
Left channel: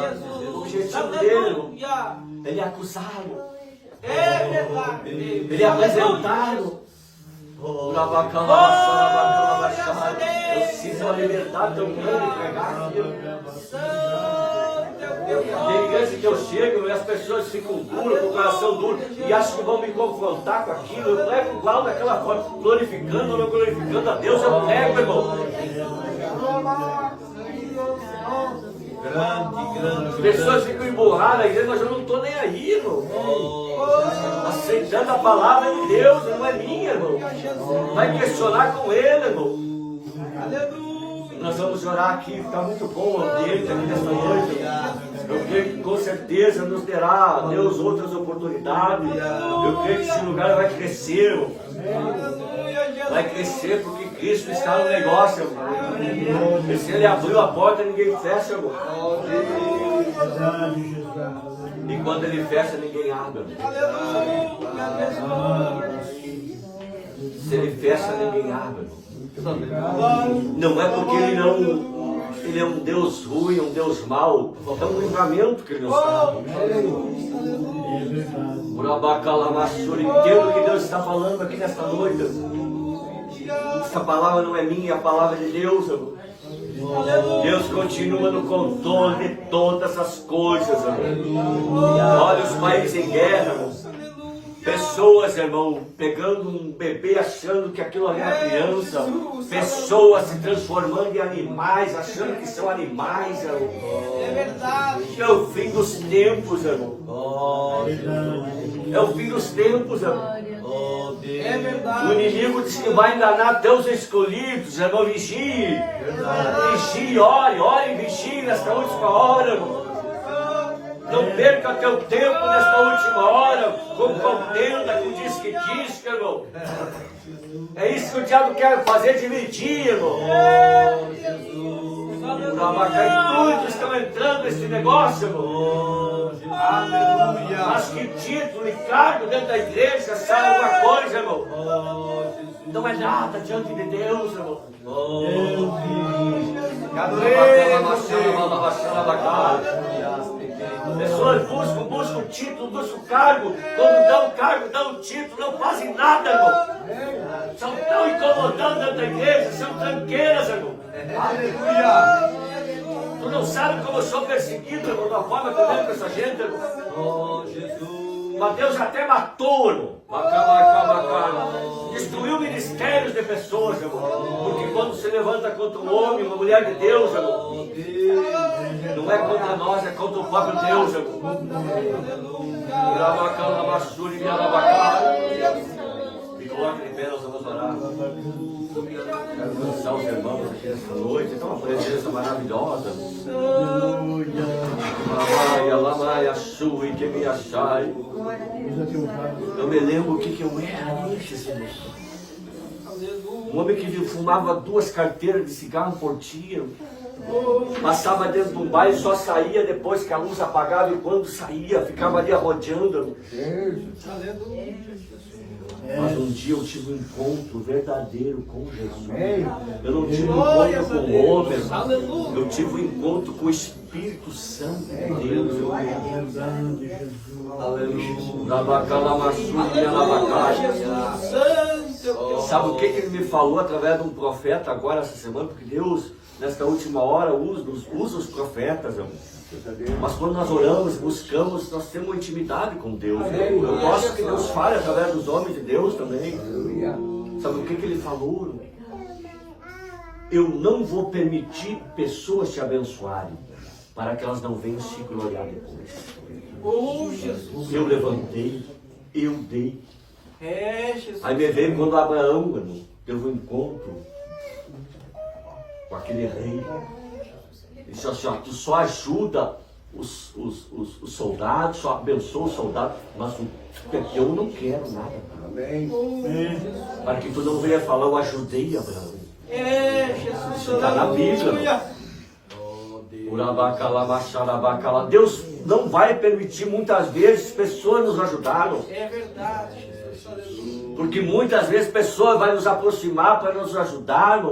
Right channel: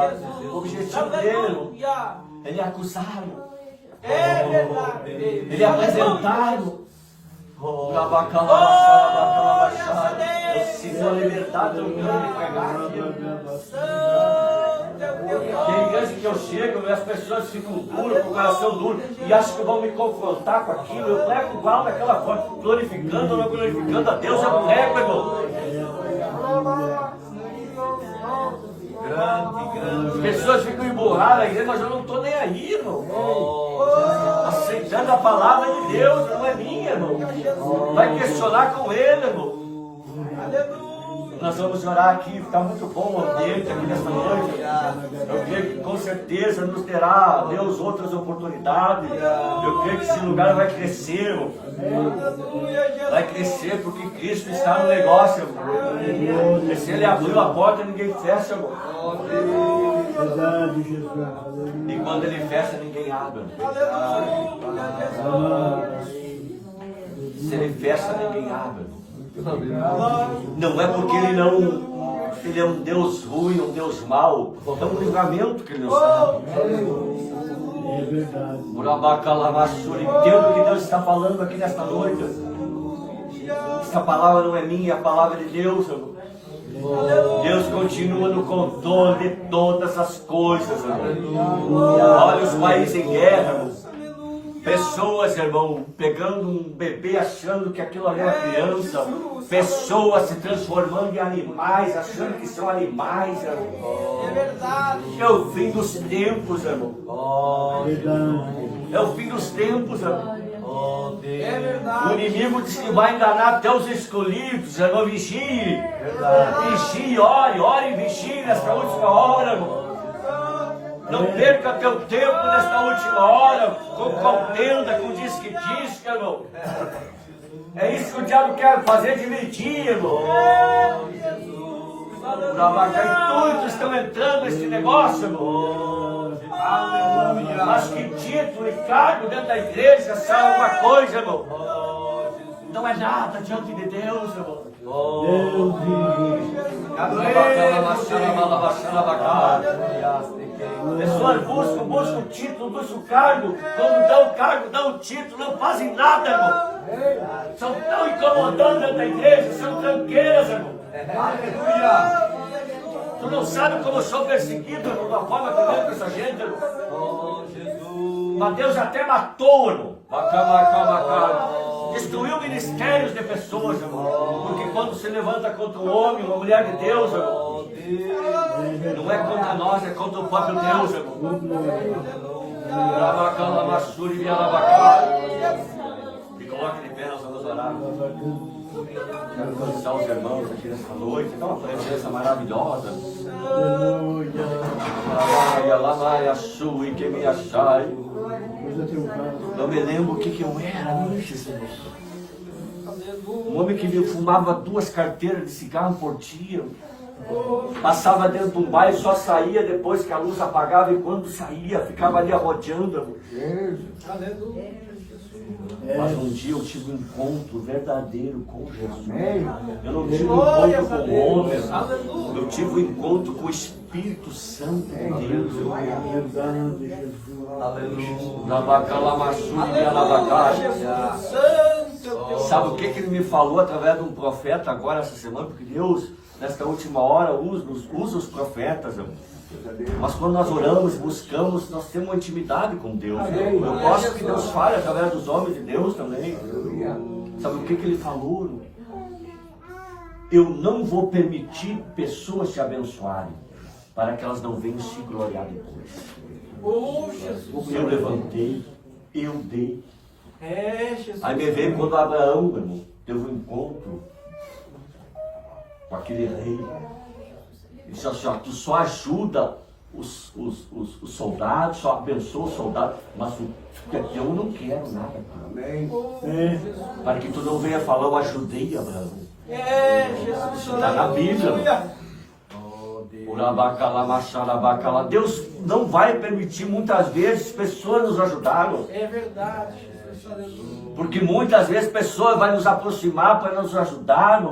Jesus. O objetivo dele, irmão, Aleluia. ele é acusado, É verdade. ele é apresentado. Eu sinto uma liberdade tão grande de pregar aquilo. Tem igreja que eu chego e as pessoas ficam duras, com o coração duro, e acham que vão me confrontar com aquilo. Eu prego igual daquela forma, glorificando ou não glorificando a Deus, eu prego, irmão. As pessoas ficam emburradas na igreja, mas eu não estou nem aí, irmão. Aceitando a palavra de Deus, não é minha, irmão. Vai questionar com ele, irmão. Nós vamos orar aqui, está muito bom o ambiente aqui nesta noite. Eu creio que com certeza nos terá Deus outras oportunidades. Eu creio que esse lugar vai crescer, irmão. Vai crescer porque Cristo está no negócio, irmão. E se Ele abriu a porta, ninguém fecha, irmão. E quando Ele fecha, ninguém abre, irmão. Se Ele fecha, ninguém abre, irmão. Não é porque ele é um Deus ruim, um Deus mau. É um livramento que ele nos dá. Entendo o que Deus está falando aqui nesta noite. Essa palavra não é minha, é a palavra de Deus, irmão. Deus continua no controle de todas as coisas, irmão. Olha os países em guerra, irmão. Pessoas, irmão, pegando um bebê achando que aquilo ali era criança. Pessoas se transformando em animais, achando que são animais, irmão. É verdade. É o fim dos tempos, irmão. É o fim dos tempos, irmão. É verdade. O inimigo diz que vai enganar até os escolhidos, irmão. Vigie. Vigie, ore e vigie nesta última hora, irmão. Não perca teu tempo nesta última hora com contenda, com disque, irmão. É isso que o diabo quer fazer, dividir, irmão. Muitos estão entrando nesse negócio, irmão. Mas que título e cargo dentro da igreja são alguma coisa, irmão. Não é nada diante de Deus, irmão. Pessoas buscam título, buscam cargo. Quando dão cargo, dão título, não fazem nada, irmão. São tão incomodando dentro da igreja, são tranqueiras, irmão. Aleluia. Tu não sabe como eu sou perseguido, irmão, de uma forma tremenda com essa gente, irmão. Mas Deus até matou, irmão. Destruiu ministérios de pessoas, irmão. Porque quando se levanta contra um homem, uma mulher de Deus, irmão, não é contra nós, é contra o próprio Deus, irmão. Me coloque de pé, nós vamos orar. Quero cansar os irmãos aqui nesta noite. Tem uma presença maravilhosa. Eu me lembro o que eu era antes, Senhor. Um homem que fumava 2 carteiras de cigarro por dia. Passava dentro de um baile, só saía depois que a luz apagava, e quando saía, ficava ali arrodeando. Mas um dia eu tive um encontro verdadeiro com Jesus. Eu não tive um encontro com o homem, eu tive um encontro com o Espírito Santo de Deus. Sabe o que ele me falou através de um profeta agora essa semana? Porque Deus, nesta última hora, usa os profetas, irmão. Mas quando nós oramos, buscamos, nós temos uma intimidade com Deus. Eu gosto que Deus fale através dos homens de Deus também. Sabe o que ele falou? Eu não vou permitir pessoas te abençoarem, para que elas não venham se gloriar depois. Eu levantei, eu dei. Aí me veio quando Abraão, irmão, teve um encontro com aquele rei. Ele disse assim, ó, tu só ajuda os soldados, só abençoa os soldados, mas eu não quero nada. Para que tu não venha falar, eu ajudei Abraão. Está na Bíblia. Deus não vai permitir muitas vezes pessoas nos ajudarem. É verdade. Porque muitas vezes pessoas vão nos aproximar para nos ajudar.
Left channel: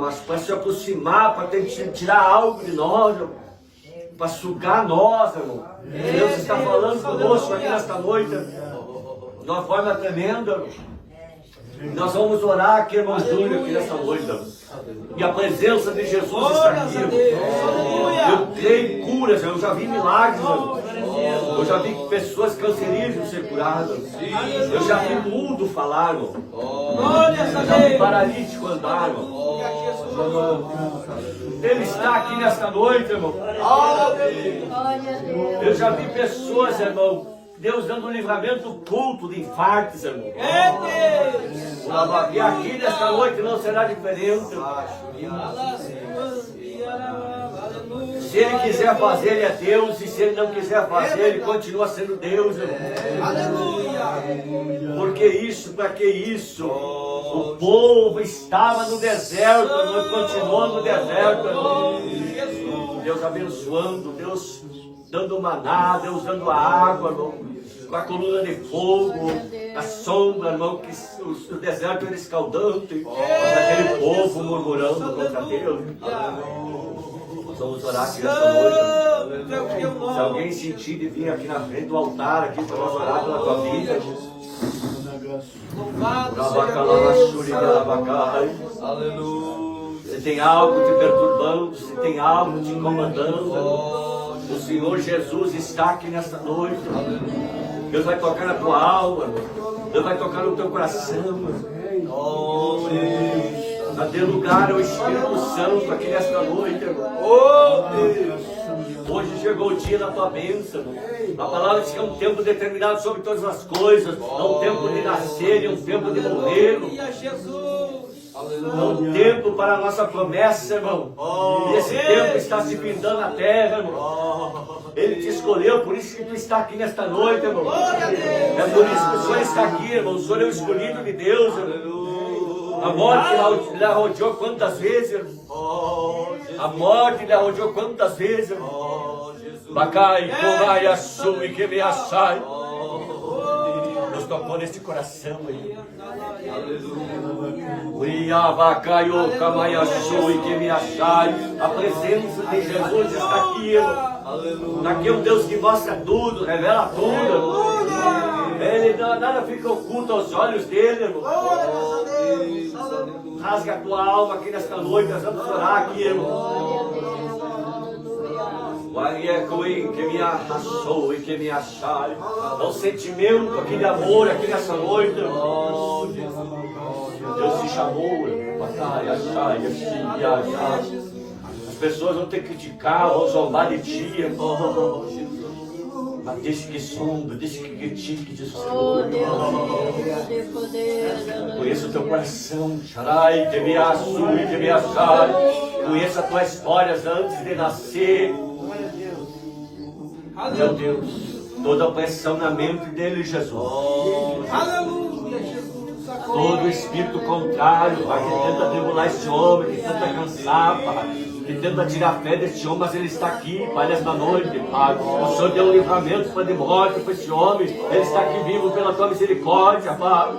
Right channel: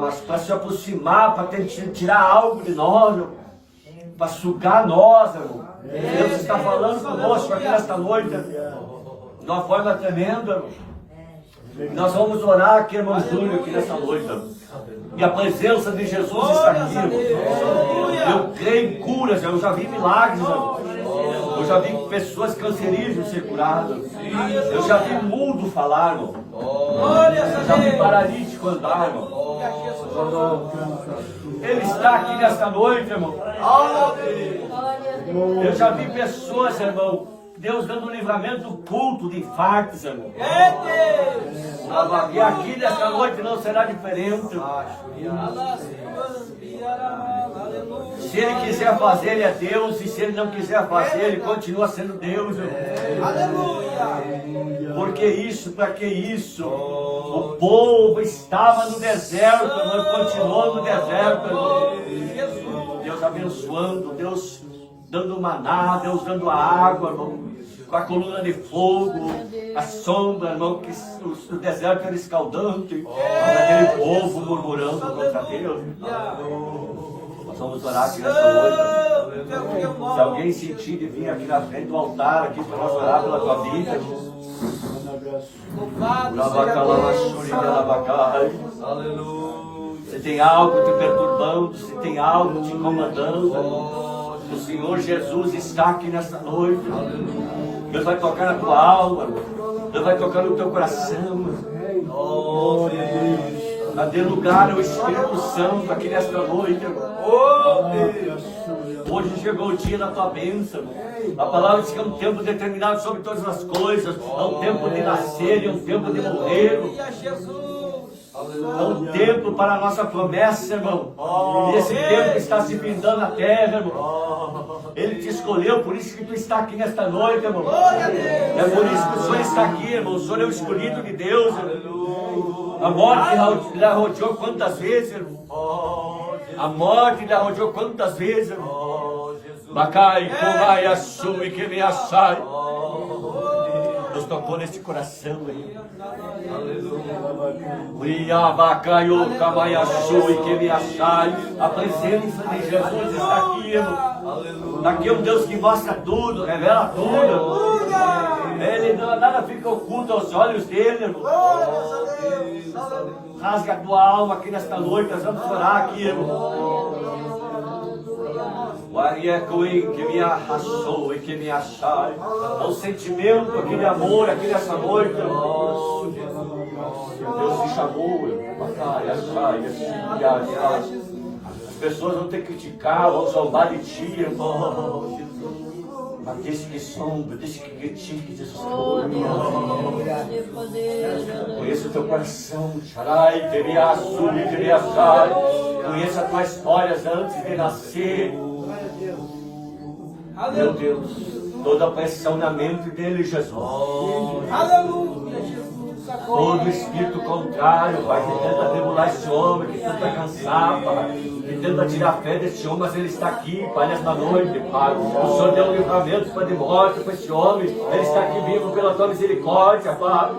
Mas para se aproximar, para tirar algo de nós. para sugar nós, irmão. Deus está falando conosco aqui nesta noite, de uma forma tremenda, irmão. Nós vamos orar aqui, irmão Júlio, aqui nessa noite, irmão. E a presença de Jesus está aqui, irmão. Eu creio em curas, eu já vi milagres, irmão. Eu já vi pessoas cancerígenas ser curadas. Eu já vi mudo falar, irmão. Eu já vi paralítico andar, irmão. Ele está aqui nesta noite, irmão. Eu já vi pessoas, irmão, Deus dando um livramento do culto de infartos, irmão. E aqui nesta noite não será diferente. Se Ele quiser fazer, Ele é Deus. E se Ele não quiser fazer, Ele continua sendo Deus, irmão. Por que isso? Para que isso? O povo estava no deserto, irmão, e continuou no deserto, irmão. Deus abençoando, Deus dando maná, Deus dando a água, irmão, com a coluna de fogo, a sombra, irmão, que o deserto era escaldante, mas aquele povo murmurando contra Deus. Nós vamos orar aqui nesta noite. Se alguém sentir de vir aqui na frente do altar, aqui para nós orar pela tua vida, se tem algo te perturbando, se tem algo te incomodando, o Senhor Jesus está aqui nesta noite. Deus vai tocar na tua alma, Deus vai tocar no teu coração. A dê lugar ao Espírito Santo aqui nesta noite, irmão. Hoje chegou o dia da tua bênção. A palavra diz que é um tempo determinado sobre todas as coisas. É um tempo de nascer e um tempo de morrer. É um tempo para a nossa promessa, irmão. E esse tempo está se findando na terra, irmão. Ele te escolheu, por isso que tu está aqui nesta noite, irmão. É por isso que o Senhor está aqui, irmão. O Senhor é o escolhido de Deus, irmão. A morte lhe rodeou quantas vezes, irmão? A morte lhe rodeou quantas vezes, irmão? Bacai, comai, assumi, que me achai. Deus tocou neste coração, irmão. A presença de Jesus está aqui, irmão. Aqui é um Deus que mostra tudo, revela tudo. Ele nada fica oculto aos olhos dele, irmão. Rasga a tua alma aqui nesta noite. Nós vamos orar aqui, irmão. Que me arrasou e que me achai. É um sentimento aqui de amor aqui nessa noite, irmão. Deus te chamou, as pessoas vão te criticar, vão zombar de ti, irmão. Mas deixa que sombra, deixa que critique, diz o Senhor. Conheça o teu coração, Sharai, que me assui, que me achai. Conheça as tuas histórias antes de nascer. Meu Deus, toda a pressão na mente dele, Jesus. Todo espírito contrário, Pai, que tenta tribular esse homem, que tenta cansar, Pai, que tenta tirar a fé desse homem, mas ele está aqui, Pai, nesta noite, Pai. O Senhor deu um livramento para de morte para esse homem, ele está aqui vivo pela tua misericórdia, Pai.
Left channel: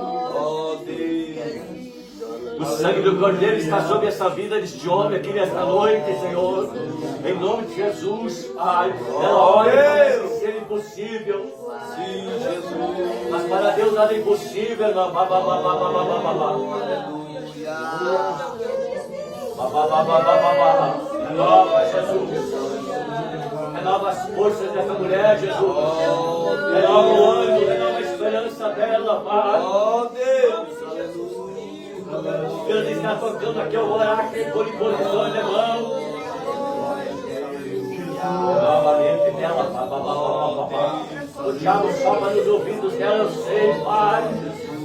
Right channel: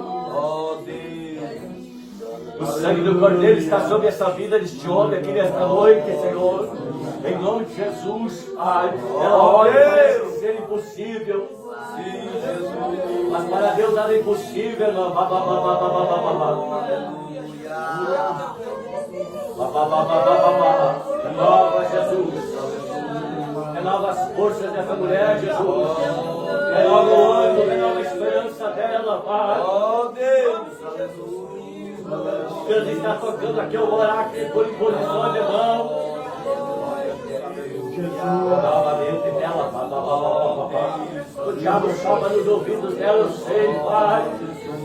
O sangue do Cordeiro está sobre essa vida deste homem aqui nesta noite, Senhor. Em nome de Jesus, Pai. É hora de ser impossível. Sim, Jesus. Mas para Deus nada é impossível, irmão. Renova, Jesus. Renova as forças dessa mulher, Jesus. Renova o ânimo, renova a esperança dela, Pai. Oh, Deus, aleluia. Deus está tocando aqui, eu vou orar aqui por imposição, irmão. Novamente dela, o diabo sopra nos ouvidos dela, eu sei, Pai.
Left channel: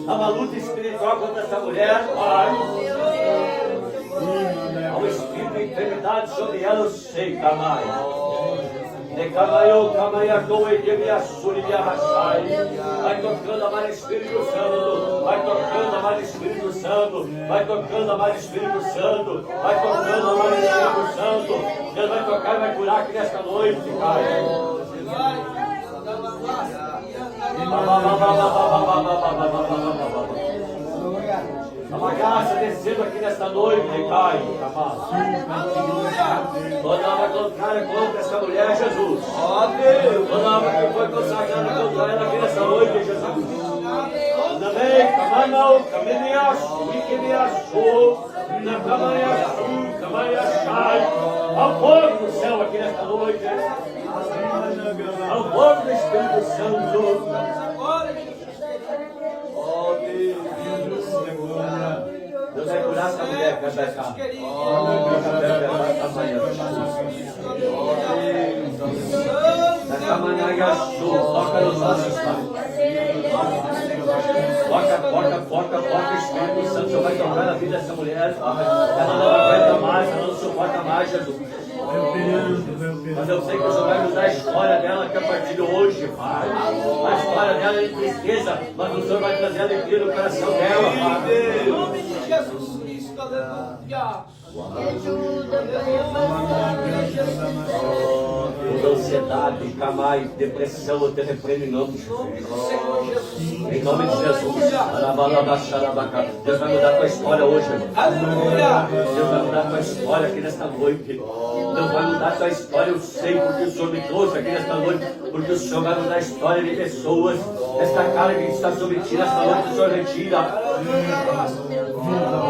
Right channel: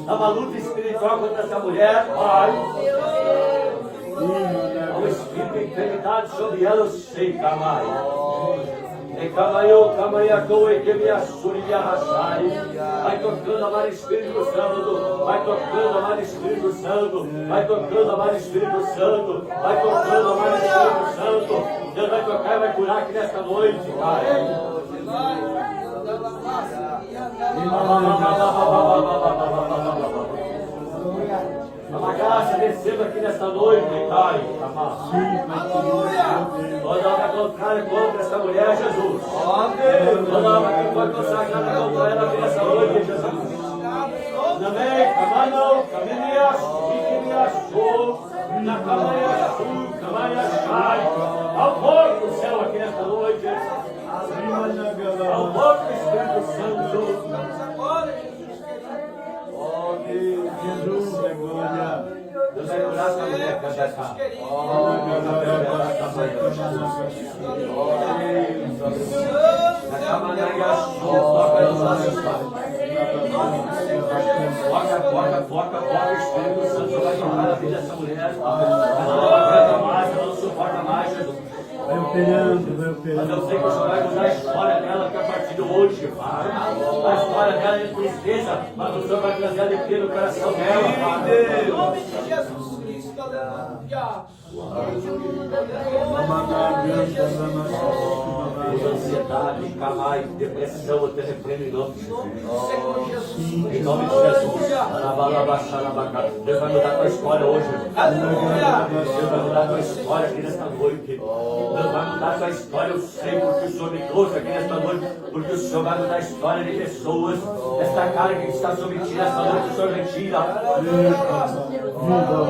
Há uma luta espiritual contra essa mulher, Pai. Há um espírito de enfermidade sobre ela, eu sei, Camai. Vai tocando, amado Espírito Santo. Vai tocando, amado Espírito Santo. Vai tocando, amado Espírito Santo. Vai tocando, amado Espírito Santo. Deus vai tocar e vai curar aqui nesta noite, Pai. A graça descendo aqui nesta noite, Pai. Toda a contrária contra esta mulher. mulher, Jesus. Toda alma que foi consagrada contra ela aqui nessa noite, Jesus. Também, Camano, Caminias, Iquinias, Camanha, Shai. Ao fogo do céu aqui nesta noite. Ao fogo do Espírito Santo. Oh, Deus. Deus vai curar essa mulher que vai cá. Na camanhaia, toca nos olhos, Pai. Foca, o Espírito Santo vai tocar na vida dessa mulher, Pai. Ela não aguenta mais, ela não suporta mais, Jesus. Mas eu sei que o Senhor vai usar a história dela que a partir de hoje, Pai. A história dela é de tristeza, mas o Senhor vai trazer alegria no coração dela, Pai. Em nome de Jesus Cristo, aleluia. Ansiedade, calai, depressão, eu te repreendo em nome de Jesus. Em nome de Jesus. Deus vai mudar a tua história hoje. Deus vai mudar a tua história aqui nesta noite. Deus vai mudar a tua história. Eu sei porque o Senhor me trouxe aqui nesta noite. Porque o Senhor vai mudar a história de pessoas. Esta carga que está sobre ti nesta noite, o Senhor retira.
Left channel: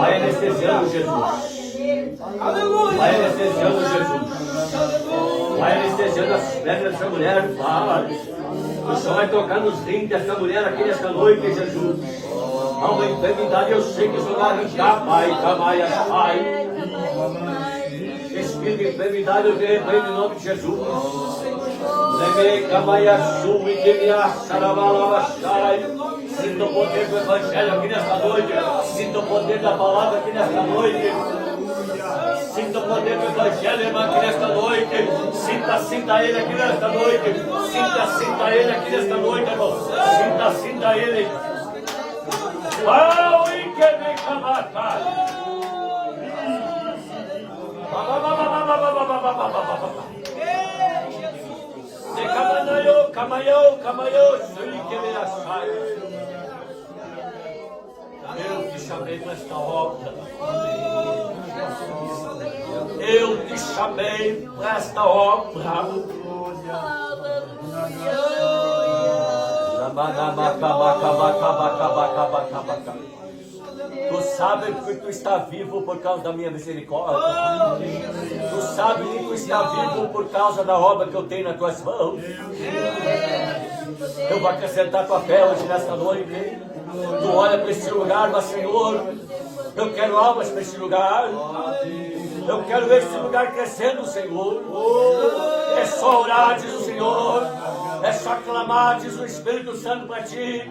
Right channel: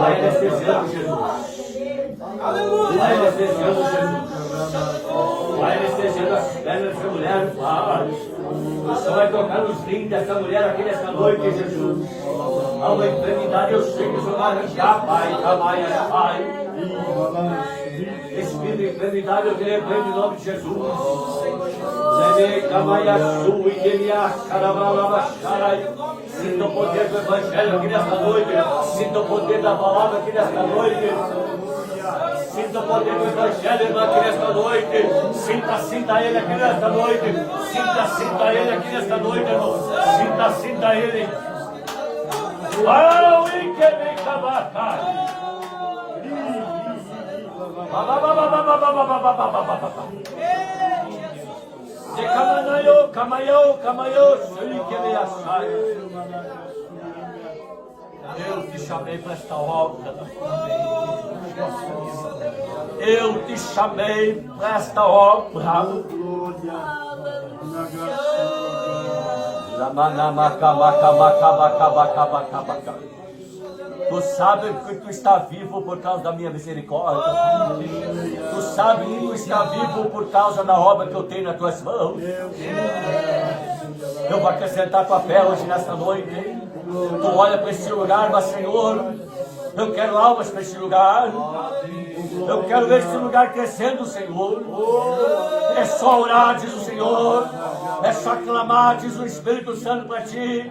Vai anestesiando, Jesus. Vai anestesiando, Jesus. Vai anestesiando as pernas dessa mulher, Pai. O Senhor vai tocar nos rins dessa mulher aqui nesta noite, Jesus. Há uma enfermidade, eu sei que o Senhor vai arrancar, Pai. Camaia, Pai. Espírito de enfermidade, eu repreendo em nome de Jesus. Sinta o poder do Evangelho aqui nesta noite. Sinta o poder da palavra aqui nesta noite. Sinta o poder do Evangelho aqui nesta noite. Sinta ele aqui nesta noite. Sinta ele aqui nesta noite, irmão. Sinta ele. Pau e que me cabaca. De Camayo, sei que me achai. Eu te chamei para esta obra. Eu te chamei para esta obra. Tu sabes que tu está vivo por causa da minha misericórdia. Tu sabes que tu está vivo por causa da obra que eu tenho nas tuas mãos. Eu vou acrescentar tua fé hoje nesta noite. Tu olha para esse lugar, mas Senhor, eu quero almas para esse lugar. Eu quero ver esse lugar crescendo, Senhor. É só orar, diz o Senhor. É só clamar, diz o Espírito Santo para ti.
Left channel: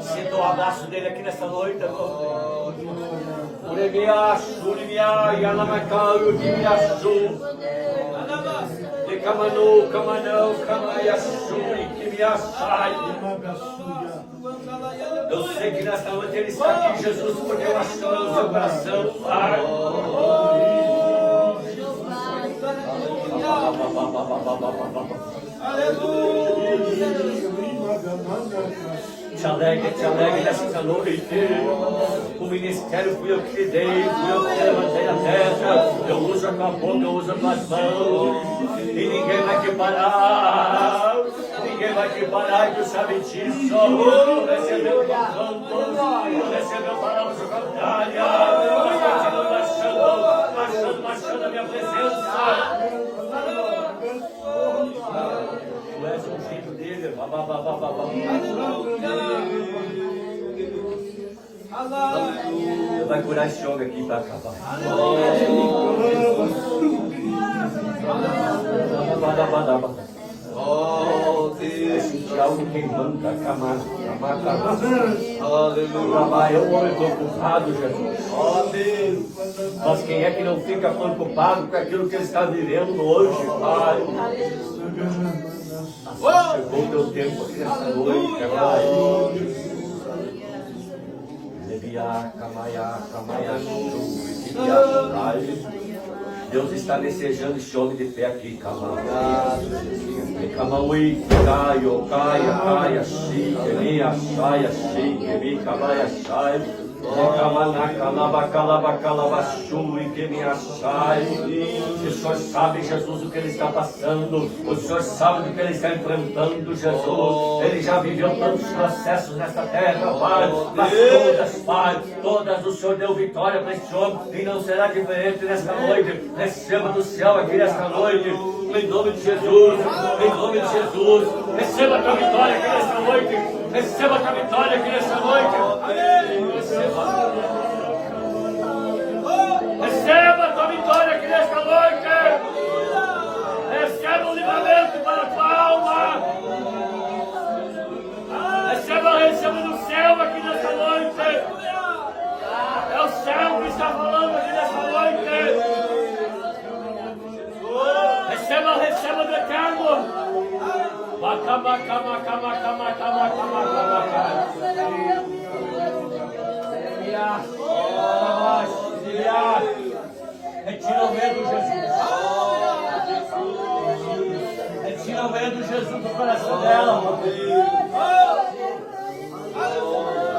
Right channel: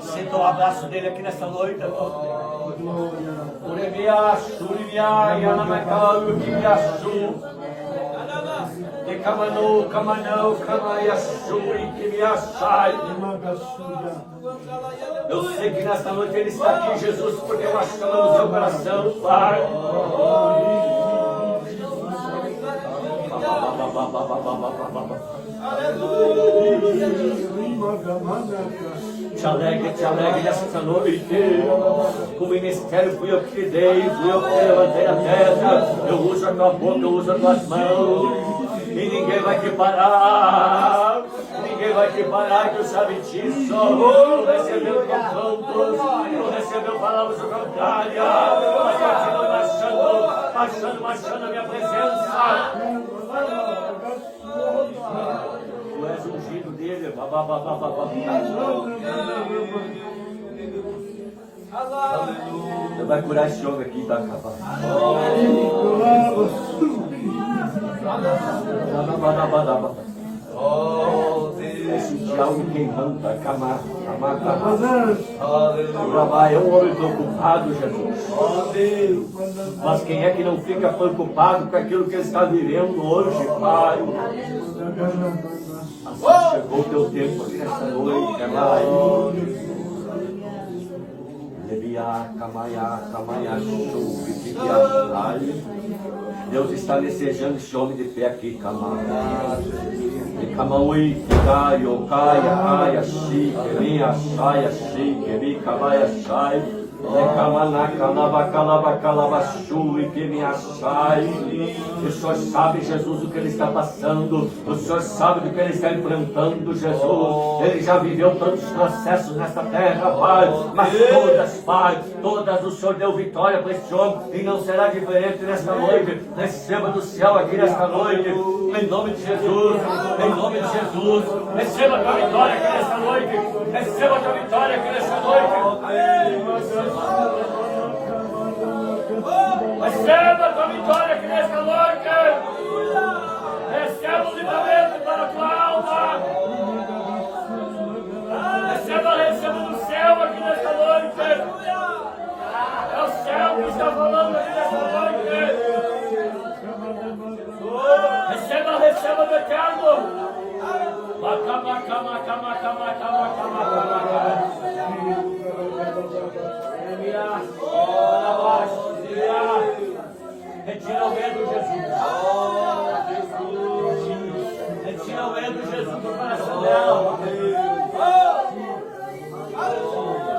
Sinta o abraço dele aqui nessa noite, irmão. Urebia, Suribia, Yanamacau, Ubiaçu. E Camanô, Camanão, Camaiaçu, e Kimiaçai. Eu sei que nesta noite ele está aqui, Jesus, porque eu acho no seu coração, Pai. Te alegre nesta noite. O ministério fui eu que te dei, fui eu que te levantei a terra. Eu uso a tua boca, eu uso as tuas mãos. E ninguém vai te parar. Ninguém vai te parar, e tu sabe disso. Tu recebeu o teu canto, tu recebeu palavras contrárias. Mas continua marchando a minha presença. Tu és um jeito dele. Vai curar esse homem aqui para acabar. Oh, Deus, algo queimando para acamar. Aleluia. Eu estou ocupado, Jesus. Oh, Deus. Mas quem é que não fica preocupado com aquilo que ele está vivendo hoje, Pai? Chegou o teu tempo aqui nesta noite, Pai. Deus está desejando esse homem de pé aqui, Camauí, caia, caia, chique, minha saia, chique, mi cabaia, sai. E que me achai. O Senhor sabe, Jesus, o que ele está passando. O Senhor sabe do que ele está enfrentando, Jesus. Ele já viveu tantos processos nesta terra, Pai. Mas todas, Pai, todas o Senhor deu vitória para este homem. E não será diferente nesta noite. Receba do céu aqui nesta noite. Em nome de Jesus. Em nome de Jesus. Receba a tua vitória aqui nesta noite. Receba a tua vitória aqui nesta noite. Receba a tua vitória aqui nesta noite. Receba o livramento para a tua alma. Receba do céu aqui nesta noite. É o céu que está falando aqui nesta noite. Receba do eterno. Retira o medo, Jesus. Retira o medo, Jesus, do coração dela.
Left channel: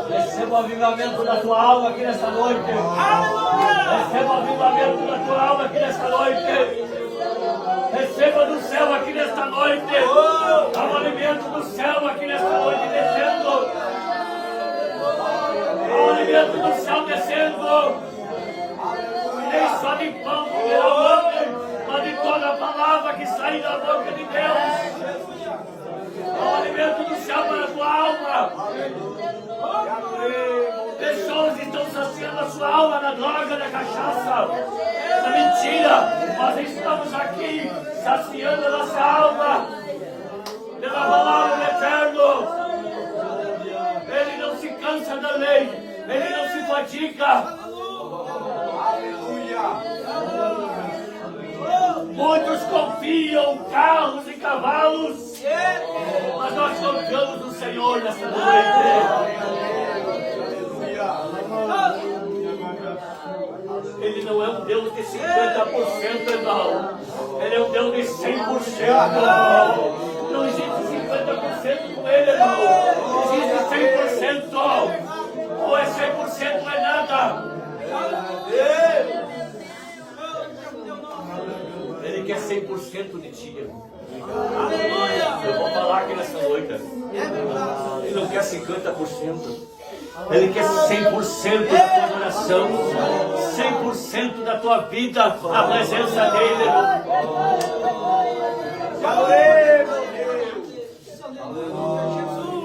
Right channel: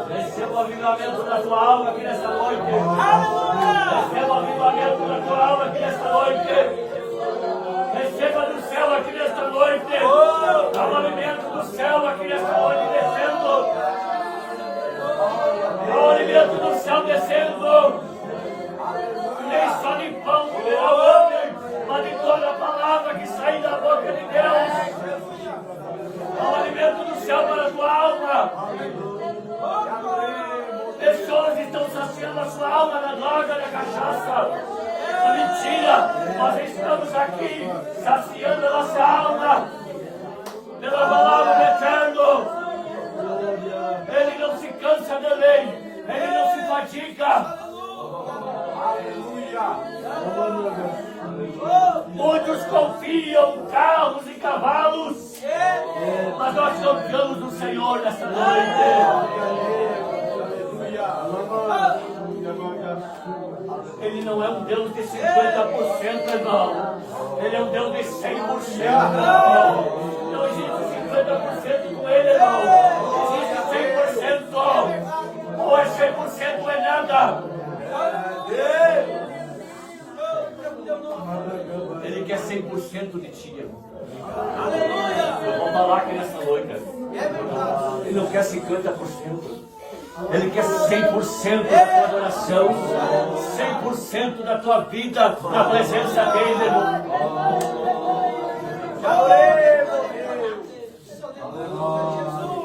Receba o avivamento da tua alma aqui nesta noite. Receba o avivamento da tua alma aqui nesta noite. Receba do céu aqui nesta noite. Há um alimento do céu aqui nesta noite descendo. Há um alimento do céu descendo. Nem só de pão comerá o homem, mas de toda a palavra que sai da boca de Deus. Há um alimento do céu para a tua alma. Pessoas estão saciando a sua alma na droga, na cachaça, na mentira. Nós estamos aqui saciando a nossa alma pela palavra do Eterno. Ele não se cansa da lei, ele não se fadiga. Muitos confiam em carros e cavalos, mas nós confiamos no Senhor nesta noite. Ele não é um Deus de 50%, irmão. Ele é um Deus de 100%. Não existe 50% com ele, irmão. Existe 100%. Ou é 100% ou é nada. Ele quer 100% de ti, irmão. Eu vou falar aqui nessa noite. Ele não quer 50%. Ele quer 100% da tua adoração, 100% da tua vida na presença dele, irmão.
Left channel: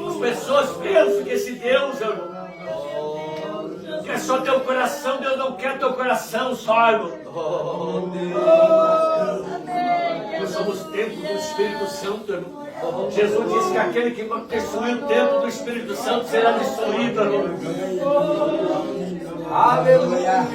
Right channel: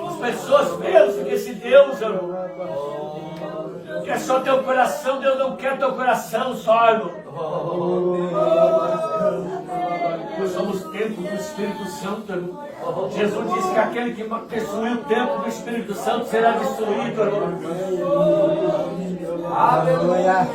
As pessoas pensam que esse Deus, irmão, quer só teu coração. Deus não quer teu coração só, irmão. Nós somos templo do Espírito Santo, irmão. Jesus disse que aquele que destruir o templo do Espírito Santo será destruído, irmão. Aleluia.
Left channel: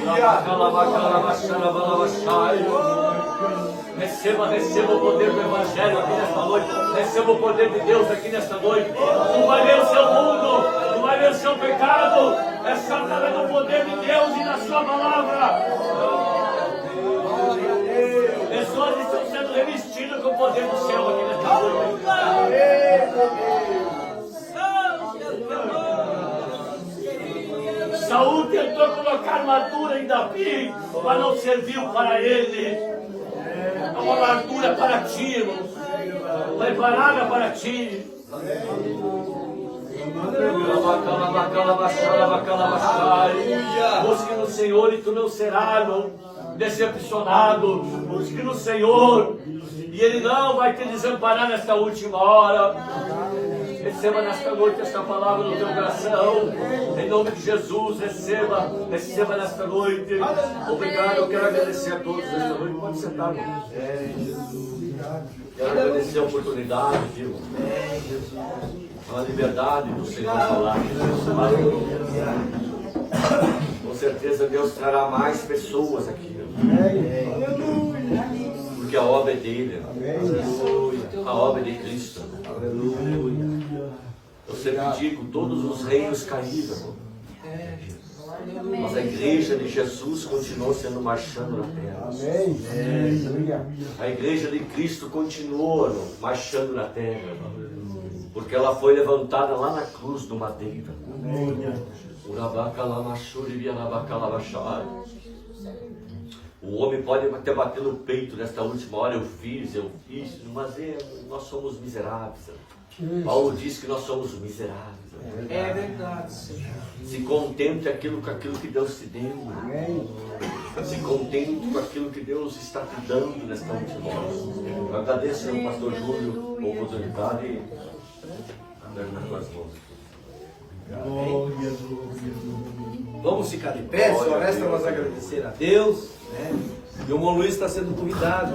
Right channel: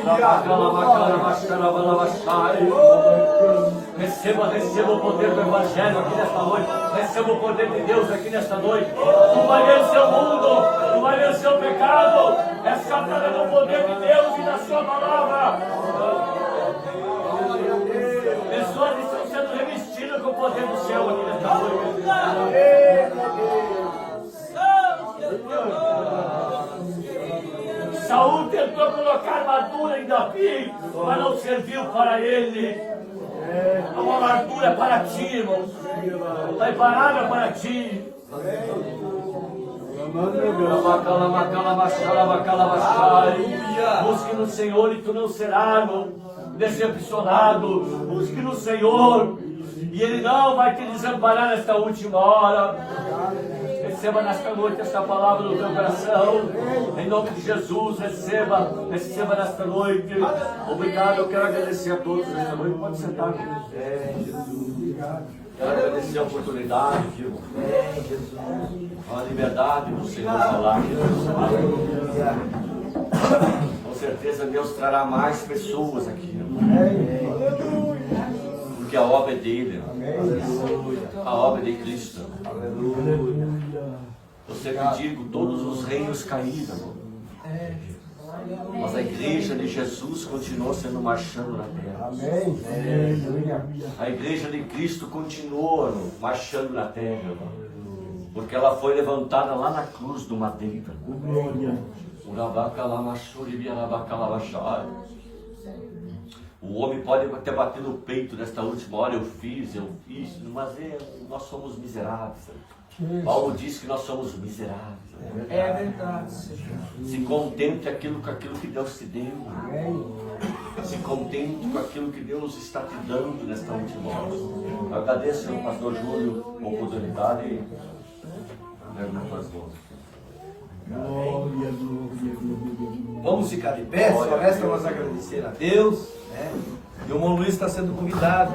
Receba o poder do Evangelho aqui nesta noite. Receba o poder de Deus aqui nesta noite. Tu vai vencer o mundo. Tu vai vencer o pecado. É só através do poder de Deus e da sua palavra. Pessoas estão sendo revestidas com o poder do céu aqui nesta noite. Saúl tentou colocar armadura em Davi, mas não serviu para ele. É uma armadura para ti, irmão. Preparada para ti. Busque no Senhor e tu não serás, irmão, decepcionado. Busque no Senhor e Ele não vai te desamparar nesta última hora. Receba nesta noite esta palavra no teu coração. Em nome de Jesus, receba nesta noite. Obrigado, eu quero agradecer a todos nesta noite. Pode sentar, irmão. Quero agradecer a oportunidade, viu? A liberdade do Senhor falar aqui nessa palavra. Com certeza Deus trará mais pessoas aqui, porque a obra é dele, a obra é de Cristo. Eu sempre digo, todos os reinos caíram, mas a igreja de Jesus continuou sendo marchando na terra. A igreja de Cristo continua marchando na terra, porque ela foi levantada lá na cruz do madeiro. O homem pode até bater no peito nesta última hora, eu fiz, mas nós somos miseráveis. Paulo diz que nós somos miseráveis. É verdade, Senhor. Se contente com aquilo que Deus te deu. Se contente com aquilo que Deus está te dando nesta última hora. Eu agradeço ao pastor Júlio a oportunidade. Leve nas tuas mãos. Vamos ficar de pé, só resta nós agradecer a Deus, né? E o irmão Luiz está sendo convidado.